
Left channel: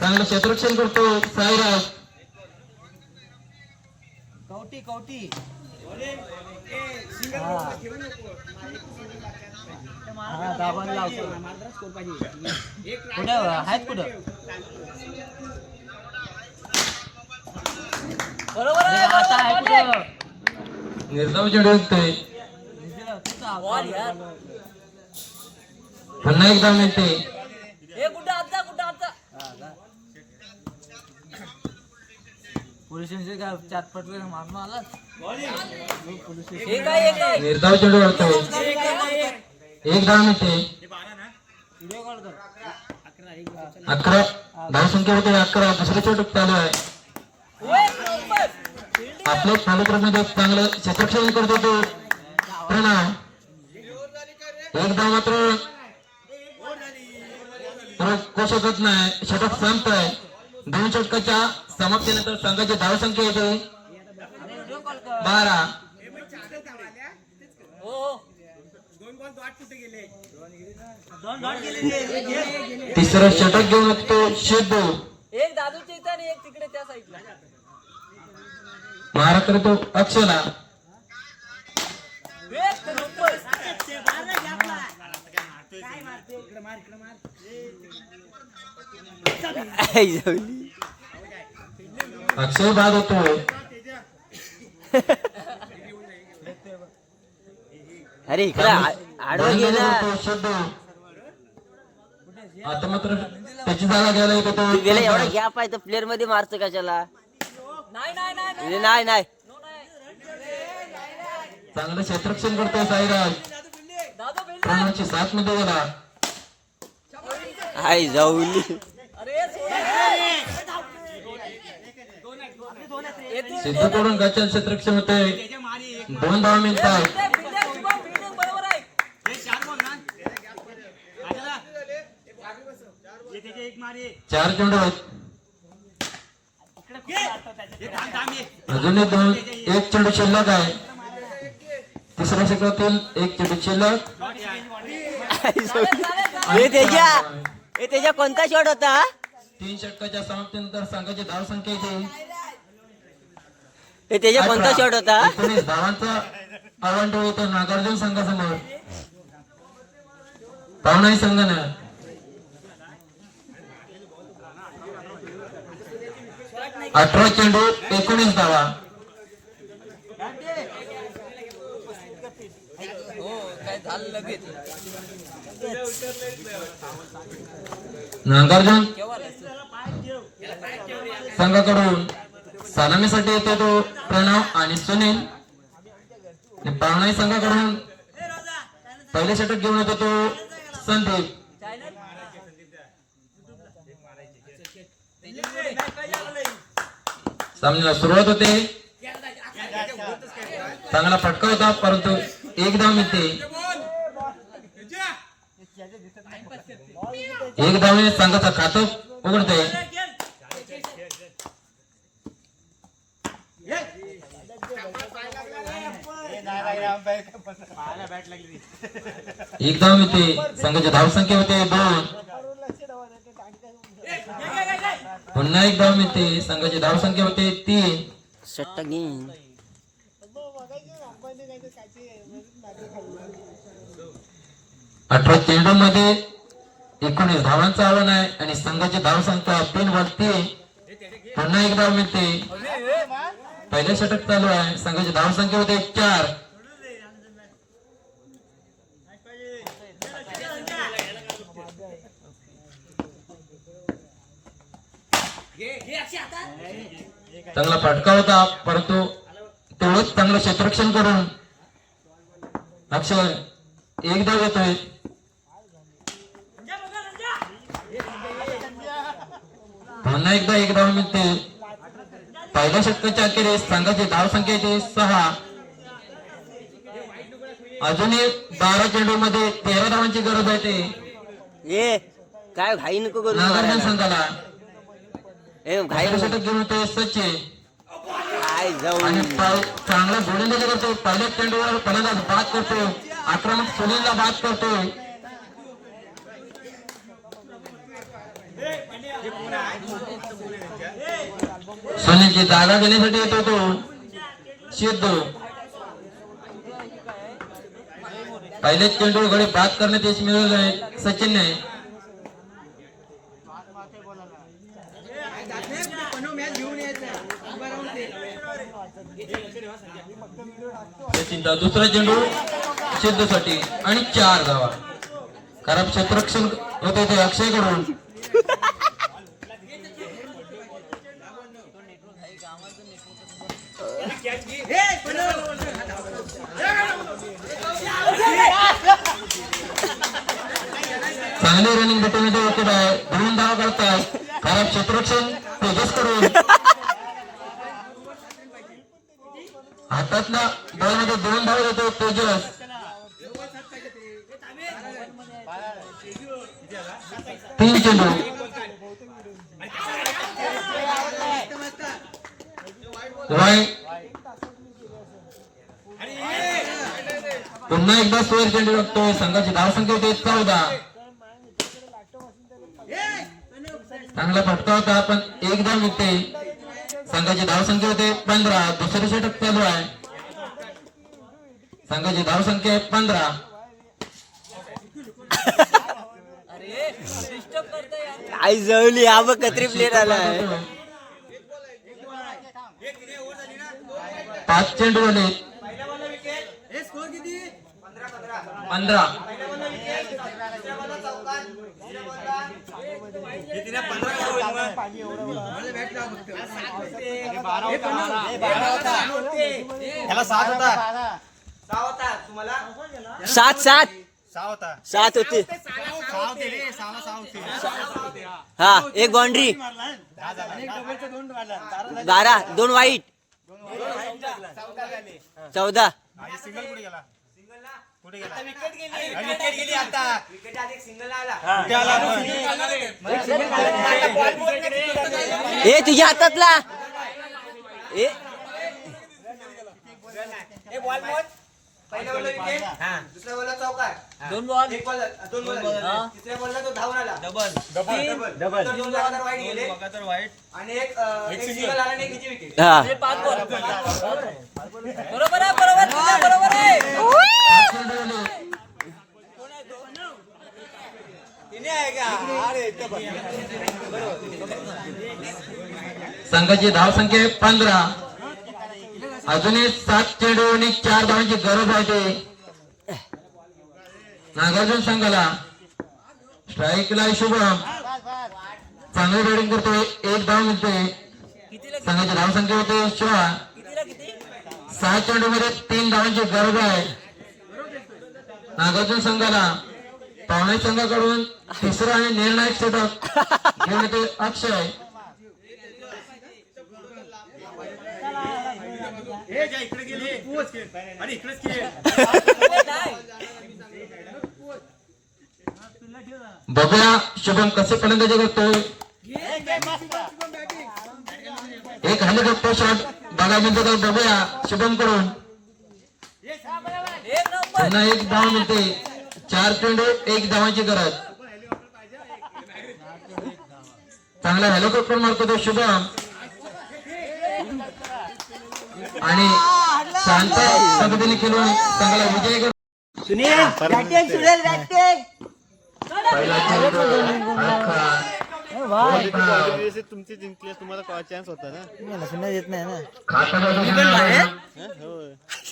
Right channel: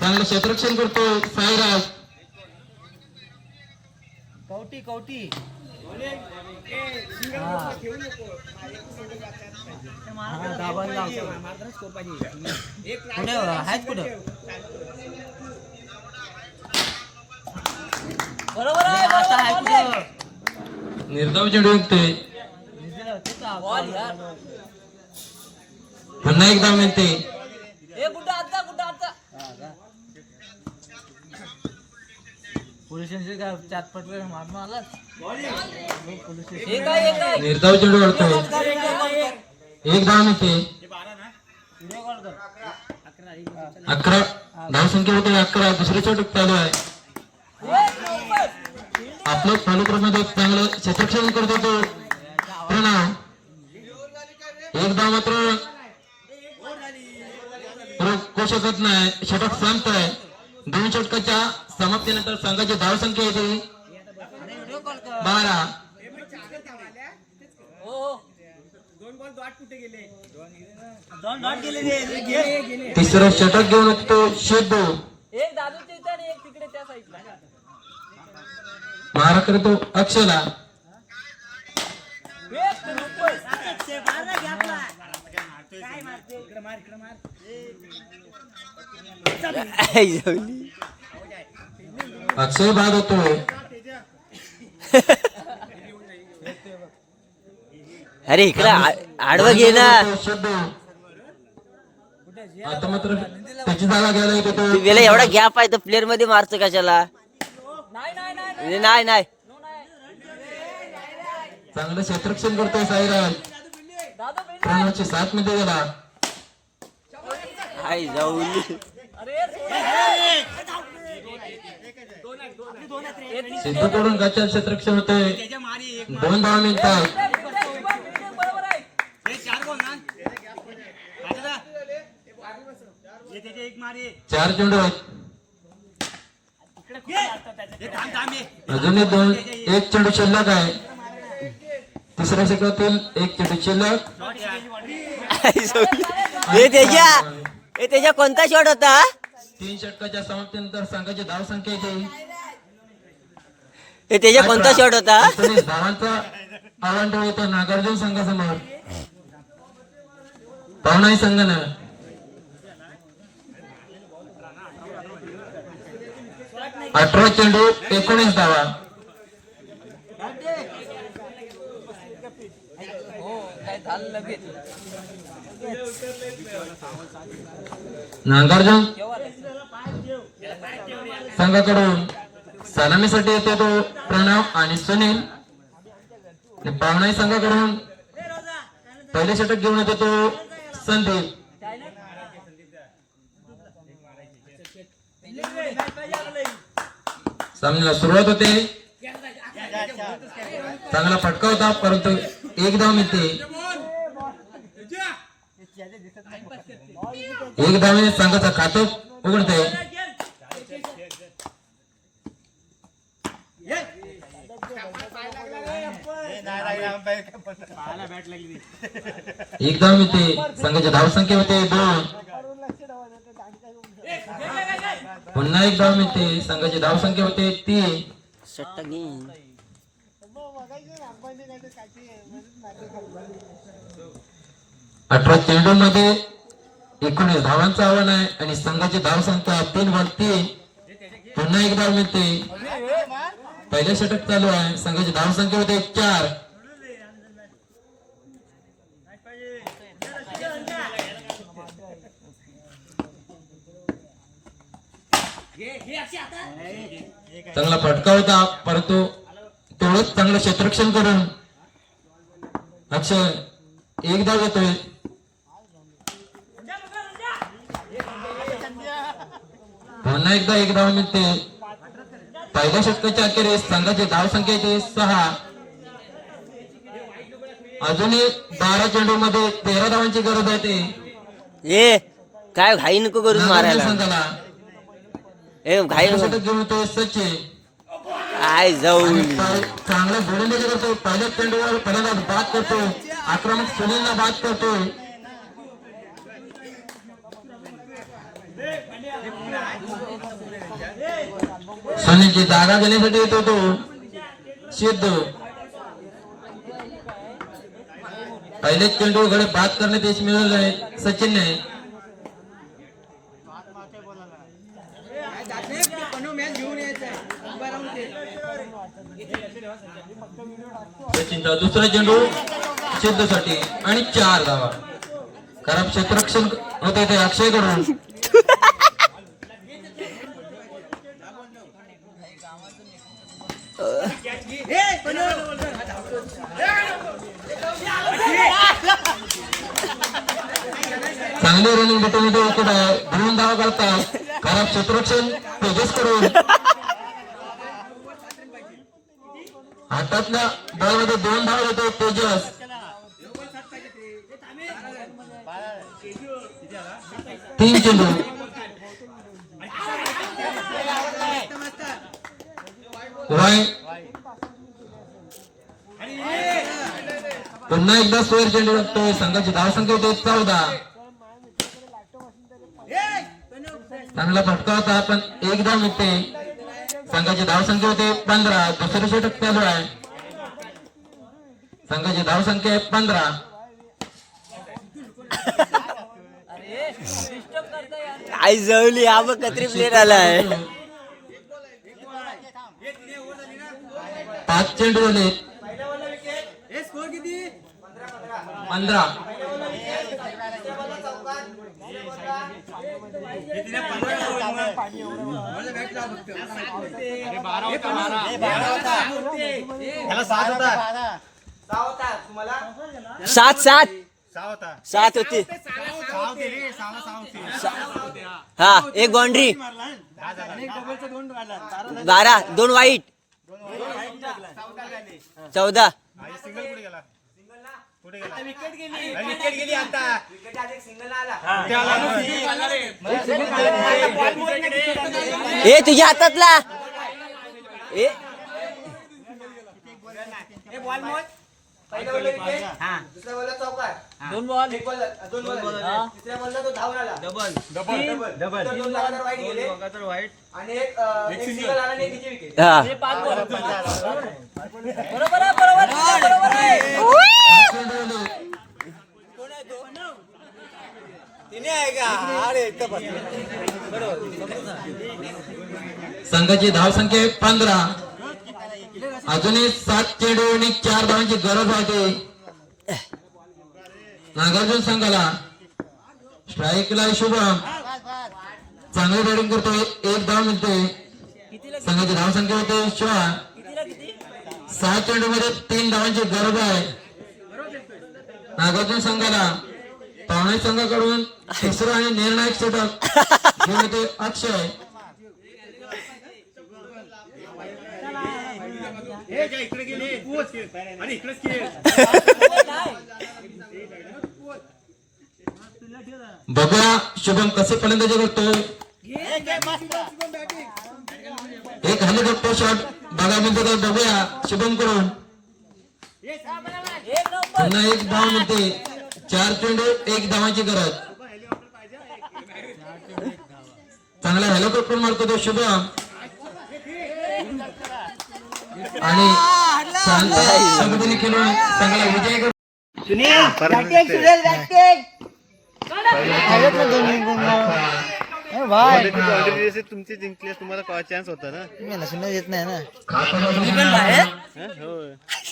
चांगलं क्षेत्ररक्षण करतो साईराज. निर्धाव चेंडू उठतोय. पुन्हा एकदा मिळते. निर्धाव चेंडू काढतो. एक धाव मिळते. 11 धावसंख्या होते 11. दुसरे षटक चालू आहे. आपलं फॉलोक्रमध्ये चांगलं क्षेत्ररक्षण करतो तो प्रणव. एक धाव मात्र करू शकत नाही. षटक संपत आहे. 2 षटकाच्या समाप्तीनंतर संघाची धावसंख्या येते 12. तिसरं षटक घेऊन येतो शेदू. मारा करतो अक्षला. अक्षय बाद होतो. अरे इकडे आडवं घे ना. आता मात्र त्याची जागा घ्यायला येतो तो. गेला एवढा गॅप आहे तर प्लेअर मध्ये मारतो कशाला? नाही चांगलं क्षेत्ररक्षण करतो साईराज. प्रणवची 7 मध्ये गेला. हाय जाऊली. सिद्धूकडून गच्चा क्षेत्ररक्षण होते 2 धावा मिळतात. चार चेंडू आहेत. अजूनही 1 चेंडू शिल्लक आहे. तिसऱ्या षटकातील 1 चेंडू शिल्लक. हे त्याच्या कोणता शॉट होता? 3 षटकाच्या समाप्तीनंतर संघाची धावसंख्या येते हे त्याच्या कोणता शॉट होता? 19 धावांचा आव्हान ठेवतो नागार्जुन संघासमोर. पावनाई संघानं 18 चेंडू 19 धावा. नागार्जुन संघाकडून सलामीसाठी येते तो प्रणव आणि सुनील. आणि पावनाई संघाकडून पहिले षटक घेऊन येतो तो संदीप. सामन्याला सुरुवात होते. चांगला फटका होता परंतु 1 धाव मिळते. 1 धावेने संघाचा खातं उघडते. एक धाव मिळते. संघाची धावसंख्या होते 2. पुन्हा 1 धाव मिळते. संघाची धावसंख्या होते 3. 18 चेंडूमध्ये 19 धावांचं आव्हान आहे आणि संघाची धावसंख्या 3 वर 3. पुन्हा 1 धाव मिळते. पहिले षटक चालू आहे. संघाची धावसंख्या होते 4. चांगला फटका होता परंतु तेवढंच चांगलं क्षेत्ररक्षण करून अक्षर 1 धाव येतोय. पुन्हा एकदा 1 धाव मिळते. पहिल्या षटकाच्या अखेरीस संघाची धावसंख्या 6. अजूनही 12 चेंडू मध्ये 13 धावांची गरज आहे. ते काय घाई नको करू नागार्जुन संघाला घाई षटक घेऊन येतो सचिन. काय जाऊ चांगला गोलंदाजी करतो. पहिल्या चेंडूवर पहिला बाद करतो. आक्रमक सुनीलला बाद करतो. सुनीलची जागा घेण्यासाठी येतो तो सिद्धू. पहिले चेंडू गडे बाद करण्यात यश मिळालं आहे सचिनने. सचिनचा दुसरा चेंडू सिद्धूसाठी आणि 4 धावा. खराब क्षेत्ररक्षण होते ते अक्षय कडून. चांगली रनिंग भेटून विकेट आहे. 2 धावा करतात. खराब क्षेत्ररक्षण तेजस करून. हातातल्या बॉलमध्ये 2 धावा येतो तेजस. 3 चेंडू. पुन्हा एकदा स्कोअर चेंडू लागतोय. संघाची धावसंख्या होते 14. चांगला फटका होता पण 1 धाव मिळते. संघाची धावसंख्या होते 15. दुसरे षटक चालू आहे. संघाची धावसंख्या आहे 15. आई जवली हा बघ कत्री प्लेट आलाय. 5 चेंडू झाले. 15. सात होती. हा 1 बाउंड्री 12 2 वाईट 14. ए तुझ्या हातातला ए पहिल्या बॉलला विकेट, दुसऱ्या बॉलला चौकार, 2 बॉल, 1 बॉल, 2 बॉल, तिसऱ्या बॉलला तो धावून आला, डबल, तर 2 लगातार वाईट गेले आणि एक सिंगल आला आणि एक हिची विकेट. 5 बॉल बरोबर आहे. तिने आहे का? अरे इतकं संघाची धावसंख्या 15. अजूनही 7 चेंडू आणि 4 धावांची गरज आहे. नागार्जुन संघाला स्ट्राईकला शुभम चांगली बॅटिंग करतोय, 1 धाव मिळते. संघाची धावसंख्या होते 16. 6 चेंडू मध्ये 3 धावांची गरज आहे. नागार्जुन संघाला पावणे संघाकडून तिसरा आणि निर्णायक षटक घेऊन येते अक्षय. बघूया शुभम कसे फलंदाजी करतोय. एक हेलिकॉप्टर शॉट बघा मिळतो का बघूया शुभम कडून. पुन्हा 1 धाव मिळते. 4 चेंडू 1 धावाची गरज. चांगला हेलिकॉप्टर मारतो तो शुभम आणि शांत पद्धतीने खेळून चांगला विजय करतो. तुमची जिंकली तुम्हाला चान्स होता ना. येत नाही ना.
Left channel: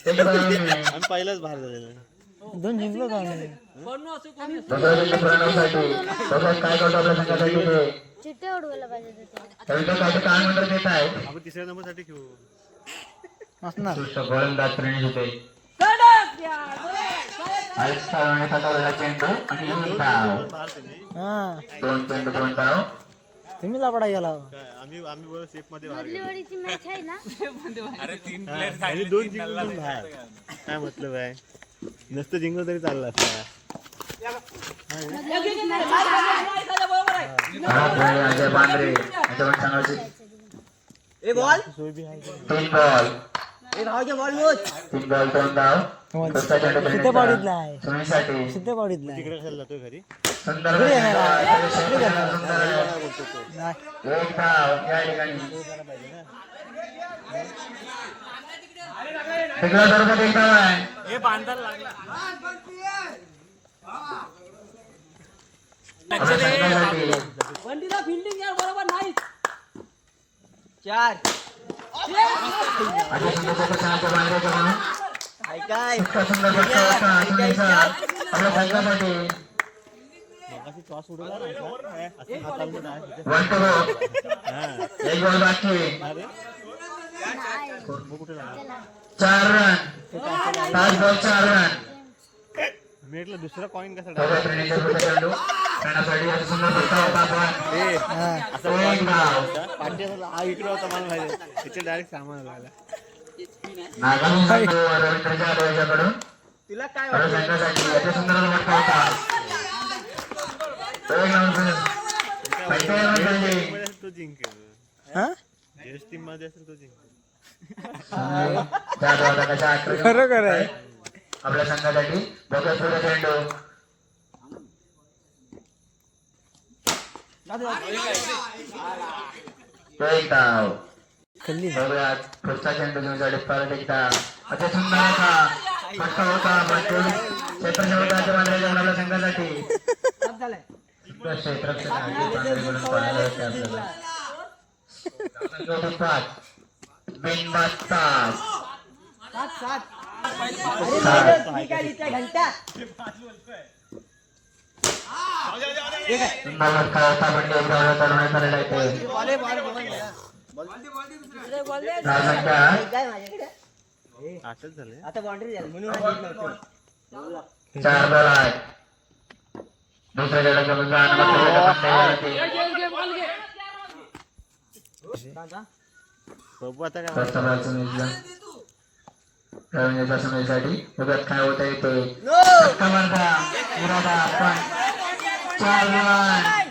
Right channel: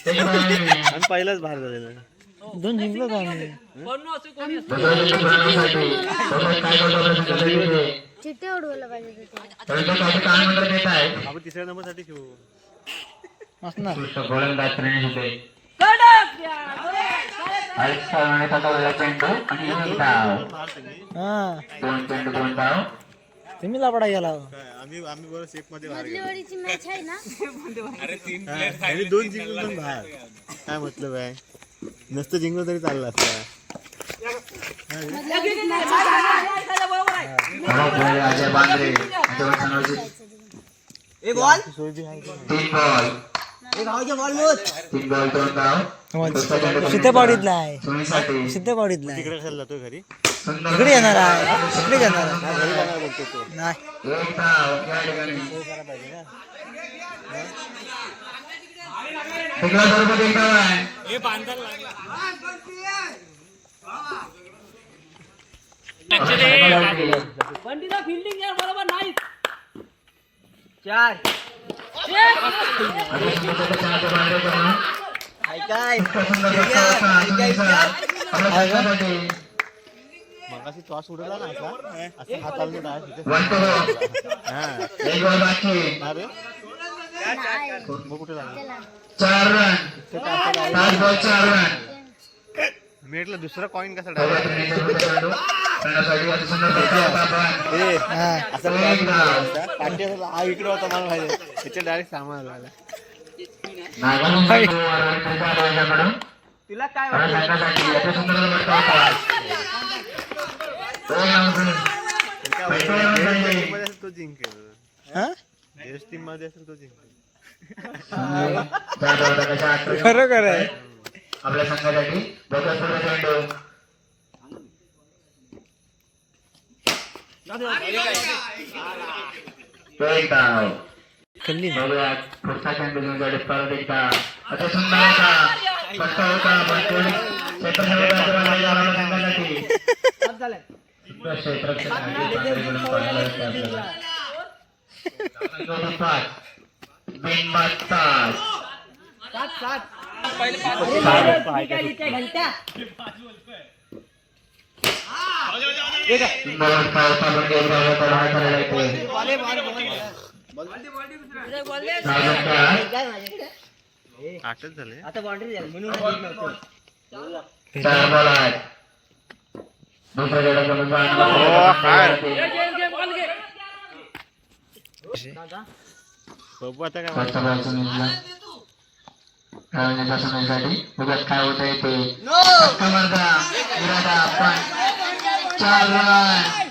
आणि पहिलाच बाहेर झालेला. 2 जिंकलो का आम्ही. चिट्टे उडवायला पाहिजे आपण तिसऱ्या नंबर साठी खेळू. असणार. तुम्ही लापडा गेला. आम्ही बरोबर सेफ मध्ये बाहेर गेलो. मधलीवाडीची मॅच आहे ना. 2 जिंकून बाहेर काय मतलब आहे. नसतं जिंकलो तरी चाललं असतं. एक बॉल 3 बॉल, एक भावचे बॉल मोज. 3 बॉल 2 धाव. सिद्धेपाडीतला आहे. सोनीसाठी सिद्धेपाडीतला आहे. तिकडे कशाला जातो घरी. सुंदर इकडे येणार आहे. इकडे येणार नाही. 1 धाव या ठिकाणी. तिकडे बरोबर 1 धाव आहे. बंडीला फिल्डिंग यार बरोबर नाही. 4 आता सुंदर सहा बाहेर करणं. काय मगाशी टॉस उडवला ना असं हात चालू ना. 1 to 1 बॉल बाकी. कुठे झाला 4 रन. 5 ball 4 run. मेटला दुसरा कॉइन कसा करण्यासाठी आता सुंदर फटका होता पण 1 धाव. हा इकडे होता मला माहिती. त्याच्या डायरेक्ट सामान आला. नागालँड याच्याकडून तिला काय संघासाठी अति सुंदर फटका होता. तो जिंकेल. देश टीम मध्ये असेल तो जिंकेल. खरोखर आहे. आपल्या संघासाठी बघा पुढे चेंडू. तो 1 धाव. बघूया पुढचा चेंडू घेऊन जाडे परत एकदा. अति सुंदर होता फटका होता पण थोडी क्षेत्ररक्षणाच्या बाहेर जाऊन आपल्या संघासाठी क्षेत्ररक्षण पाहायला होते आपल्याला. बिनबाद 7. आठच झाले. आता बाउंड्री झाली म्हणून 4 बॉल आहेत. दुसऱ्या गटाचा बघू आता काय पाचव्या बॉलचं नियोजन रवींद्रच्या सुनीलसाठी बघत काय होत आहे ते धक्का मारता इरादा पण 4 रन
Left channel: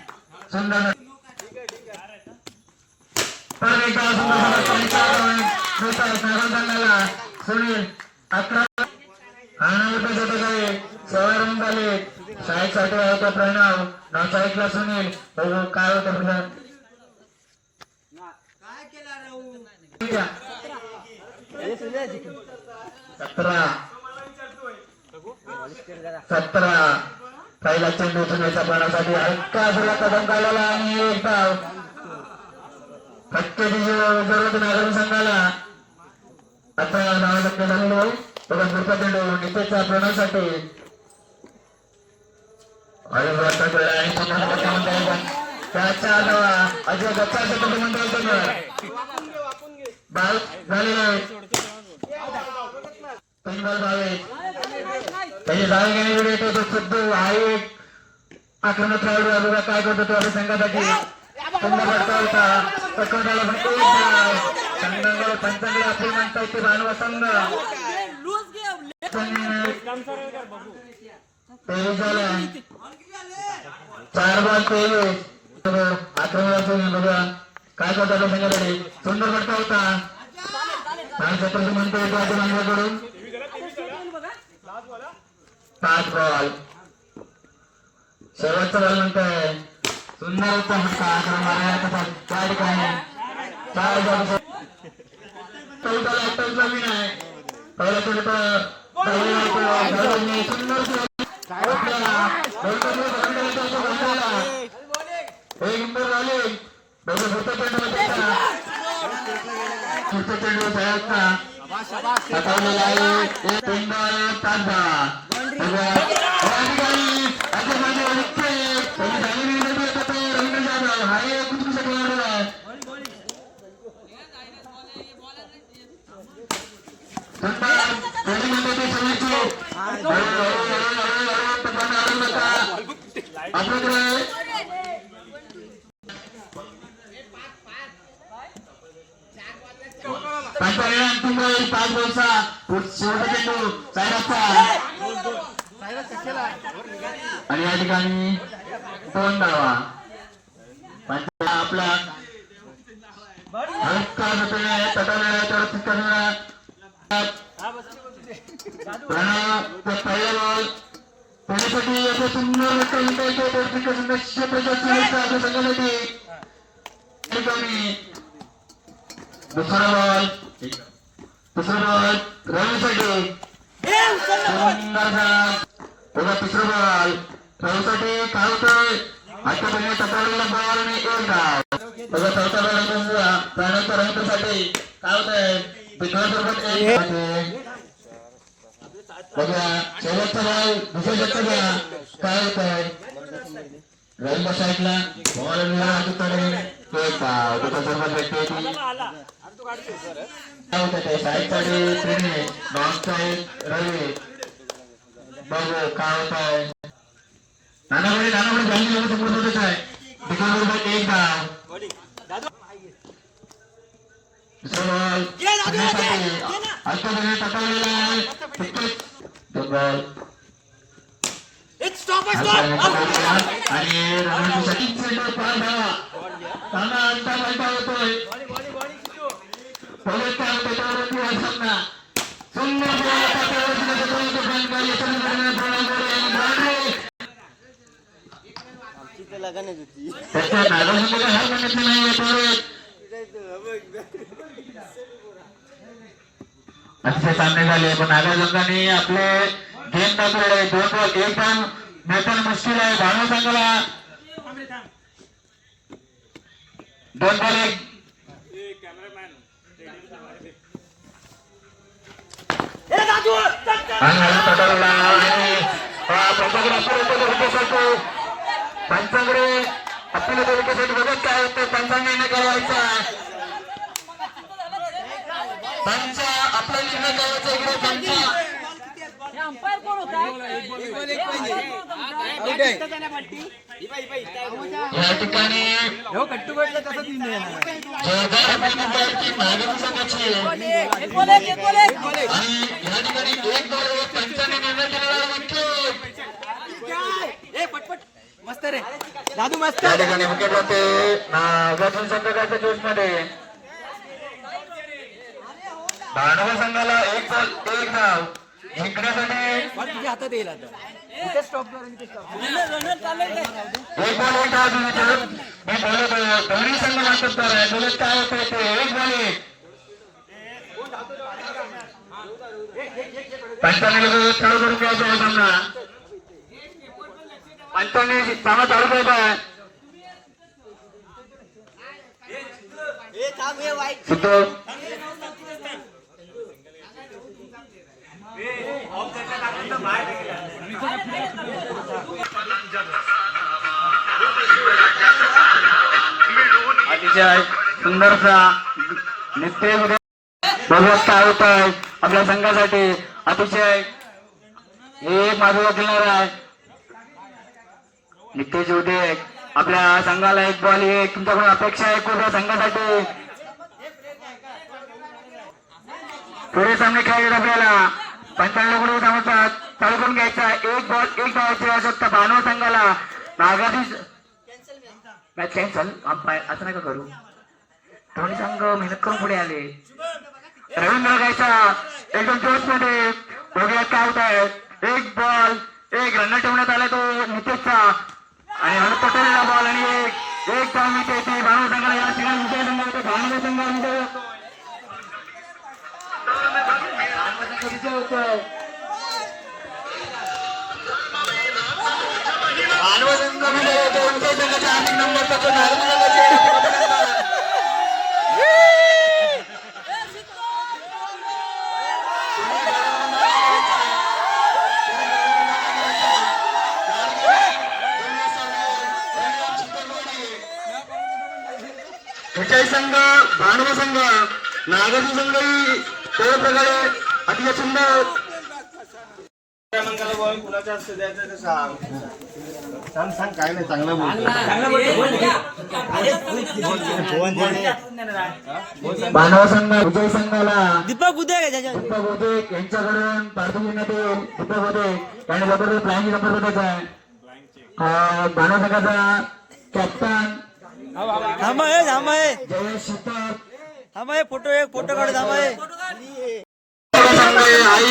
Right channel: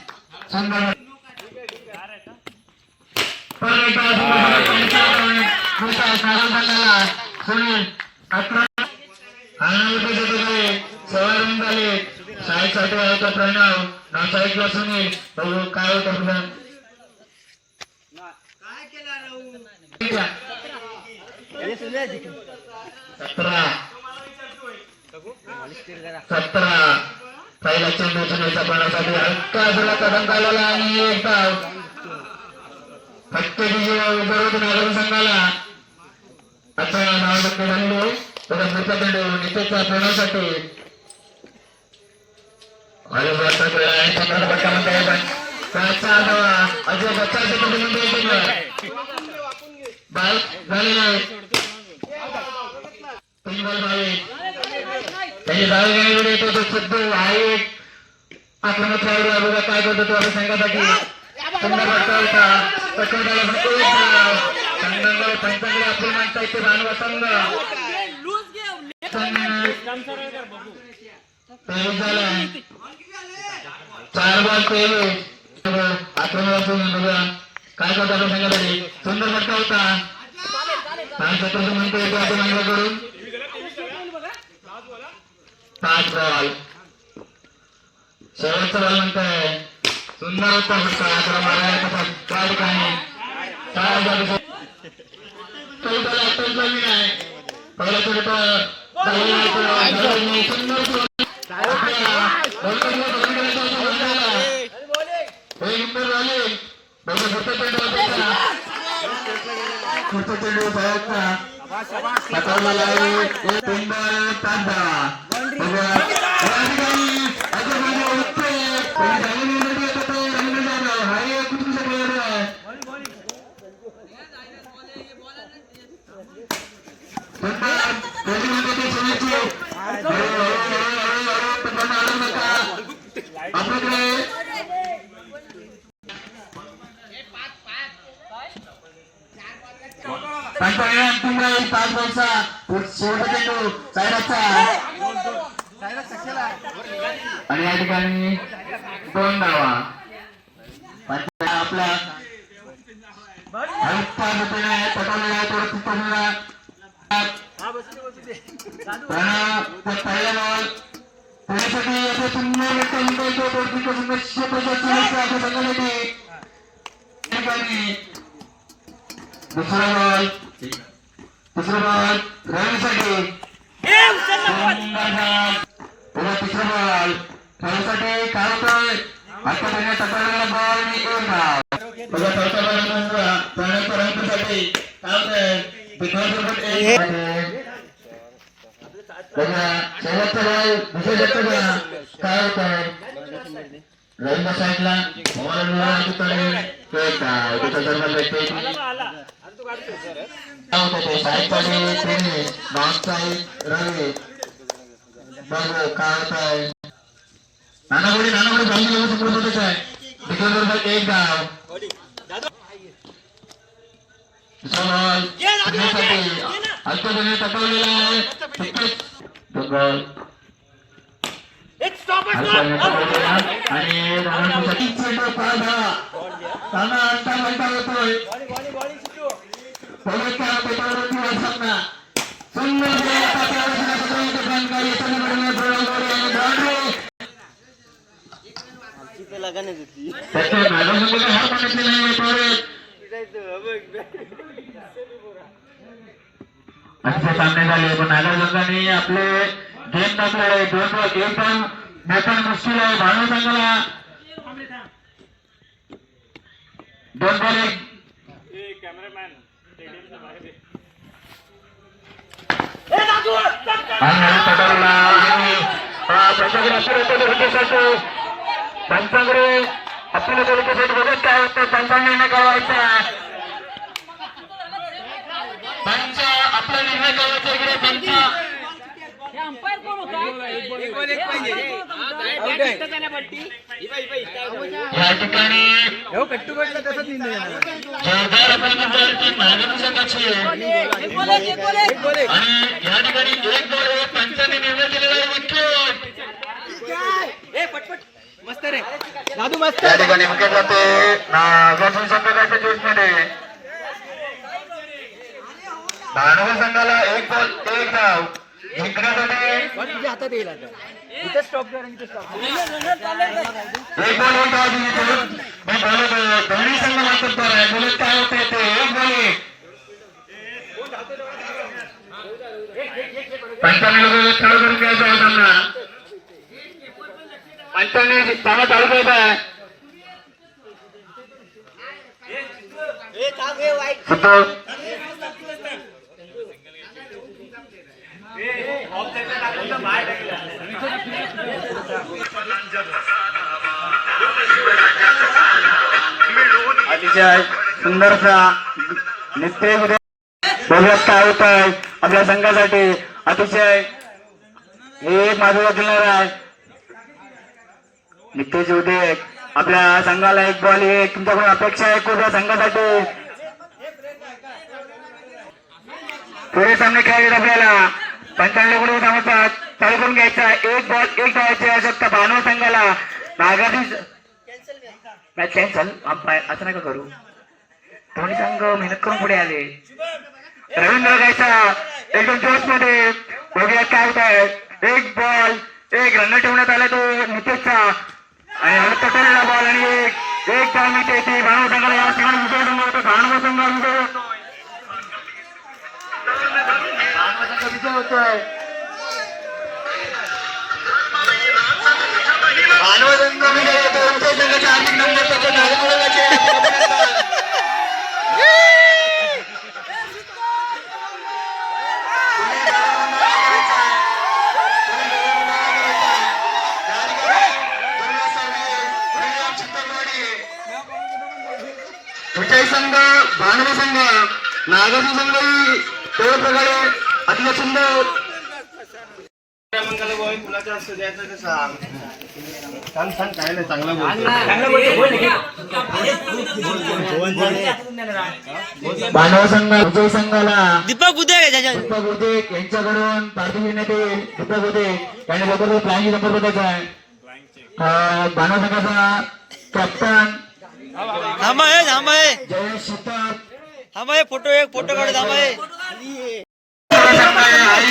सुंदर परत एकदा सुनील 11 आणि सवय रन झाले शाळेसाठी होता प्रणव नाचा ऐकला सुनील बघू काय होतं पुढं 17 पहिला चेंडू सुनीलच्या पाण्यासाठी हलका सुला कदम काढलेला आणि एक धाव फक्त विजय नागरिक संघाला अच्छा नाव टक्के झालेलो पुढचा चेंडू नितेशच्या प्रणवसाठी आणि सम्राट पट्टा म्हणता येतात त्याचा अजय बच्चाचे चेंडू म्हणता येतो बाईक झालेले 3 बॉल 22 त्याची धाव घेण्याकडे येतो तो सिद्धू हा एक आक्रमक खेळाडू अगोदर काय करतो तो आपल्या संघासाठी सुंदर वाटता होता पकडला संघाकडे पंचांकडे आपली माणसं येते भानवा संघ 23 झाले 4 बॉल 23 आक्रमक बघा काय करतो आपल्या संघासाठी सुंदर वाटता होता काय सत्र म्हणतो येतो आपण अंगाकडून 5 बॉल शेवटचा बॉल म्हणतोय सुंदर होता त्या ठिकाणी पहिला पुढचा चेंडू साहेबचा हातावरला आहे 3 बॉल 5 अंतिम बॉल 5 बॉलचा शेवटचा चेंडू सायराचा आणि या ठिकाणी 2 धावा आपला हलका प्रणव पहिला बॉल पुण्यासाठी याचा सुंदर दुसरा बॉल रवीसाठी तिसरा बॉल रवीसाठी काय होतंय आता त्यांनी तटवलेला बॉल आणि 1 धाव बघा चौथा बॉल प्रणवचा रवीसाठी काय होतंय शेवटचा बॉल दुसऱ्या षटकाचा काय होतंय रवींद्र साईडला एक धाव त्याचा सर्वात व्यक्ती रवी बघू काय होत आहे नानापुढे व्यवस्थित आहे बरोबर 1 धाव तटवलेला आहे आणि होतोय असे सामने झाले पण नागार्जुनने आपले गेम दाखवले 2 बॉल गेम पण मुश्किल आहे भानव संघाला 2 बॉल पंचांकडे आपल्याला बघत काय होतं पंचांनी निर्णय करायचा पंच आपला निर्णय करायचा इकडे पंच या ठिकाणी जोरदार फलंदाजी नागरी संघाची आहे. आणि या ठिकाणी एक बॉल पंचांनी निर्णय केलेला विकेट. या ठिकाणी विकेट जाते नागार्जुन संघाच्या जोश मध्ये. भांडवल संघाला एक बॉल एक धाव जिंकण्यासाठी एक बॉल एक धाव दिली. मी बोलतो दोन्ही संघ वाटत बोलत काय होते ते एक बॉल एक. पंचांनी लोक चालू करून घ्यायचा आहे सामना. पंचांनी सामना चालू करायचा आहे. सुतोष अतिशय सुंदरसा नित्य बघत काय होत आहे आपल्या संघासाठी. अतिशय हे एक माधुर्य दिणार आहे. नितेश उदय आपल्या संघाला एक बॉल एक. तुमच्याकडून अपेक्षा आहे कुठल्या संघासाठी पुढे सामने खेळायचे आपल्याला. पंचांनी कुठे धावतात चालू करून घ्यायचा. एक बॉल एक धावायची आवश्यकता भानव संघाला. Nagarjuna match cancel. असं नका करू. दोन्ही संघ मेहनत करून पुढे आले. रवींद्र गायचा एकदम जोश मध्ये बघूया काय होत आहे. एक बॉल एक रन ठेवण्यात आला तो नितेशचा आणि हळद पटेलला बॉल आणि एक धाव मिळते ती भानव संघाला. भानव संघाला होतोय. मानव संघामध्ये कुठलाही संघ भानव संघ नागार्जुन संघही तेवढ्या प्रकारे अतिशय सुंदर. फुलाचा असतो द्यायचं ते सांग सांग काय नाही चांगलं बोलतो. मानव संघ विजय संघाला दीपक उदय दीपक उदय यांच्याकडून पार्टी घेण्यात येईल. दीपक उदय यांनी लवकर प्लॅनची नंबर बघायचा आहे. मानव संघाचा कॅप्टन जयेश शिताप फोटो काढू आई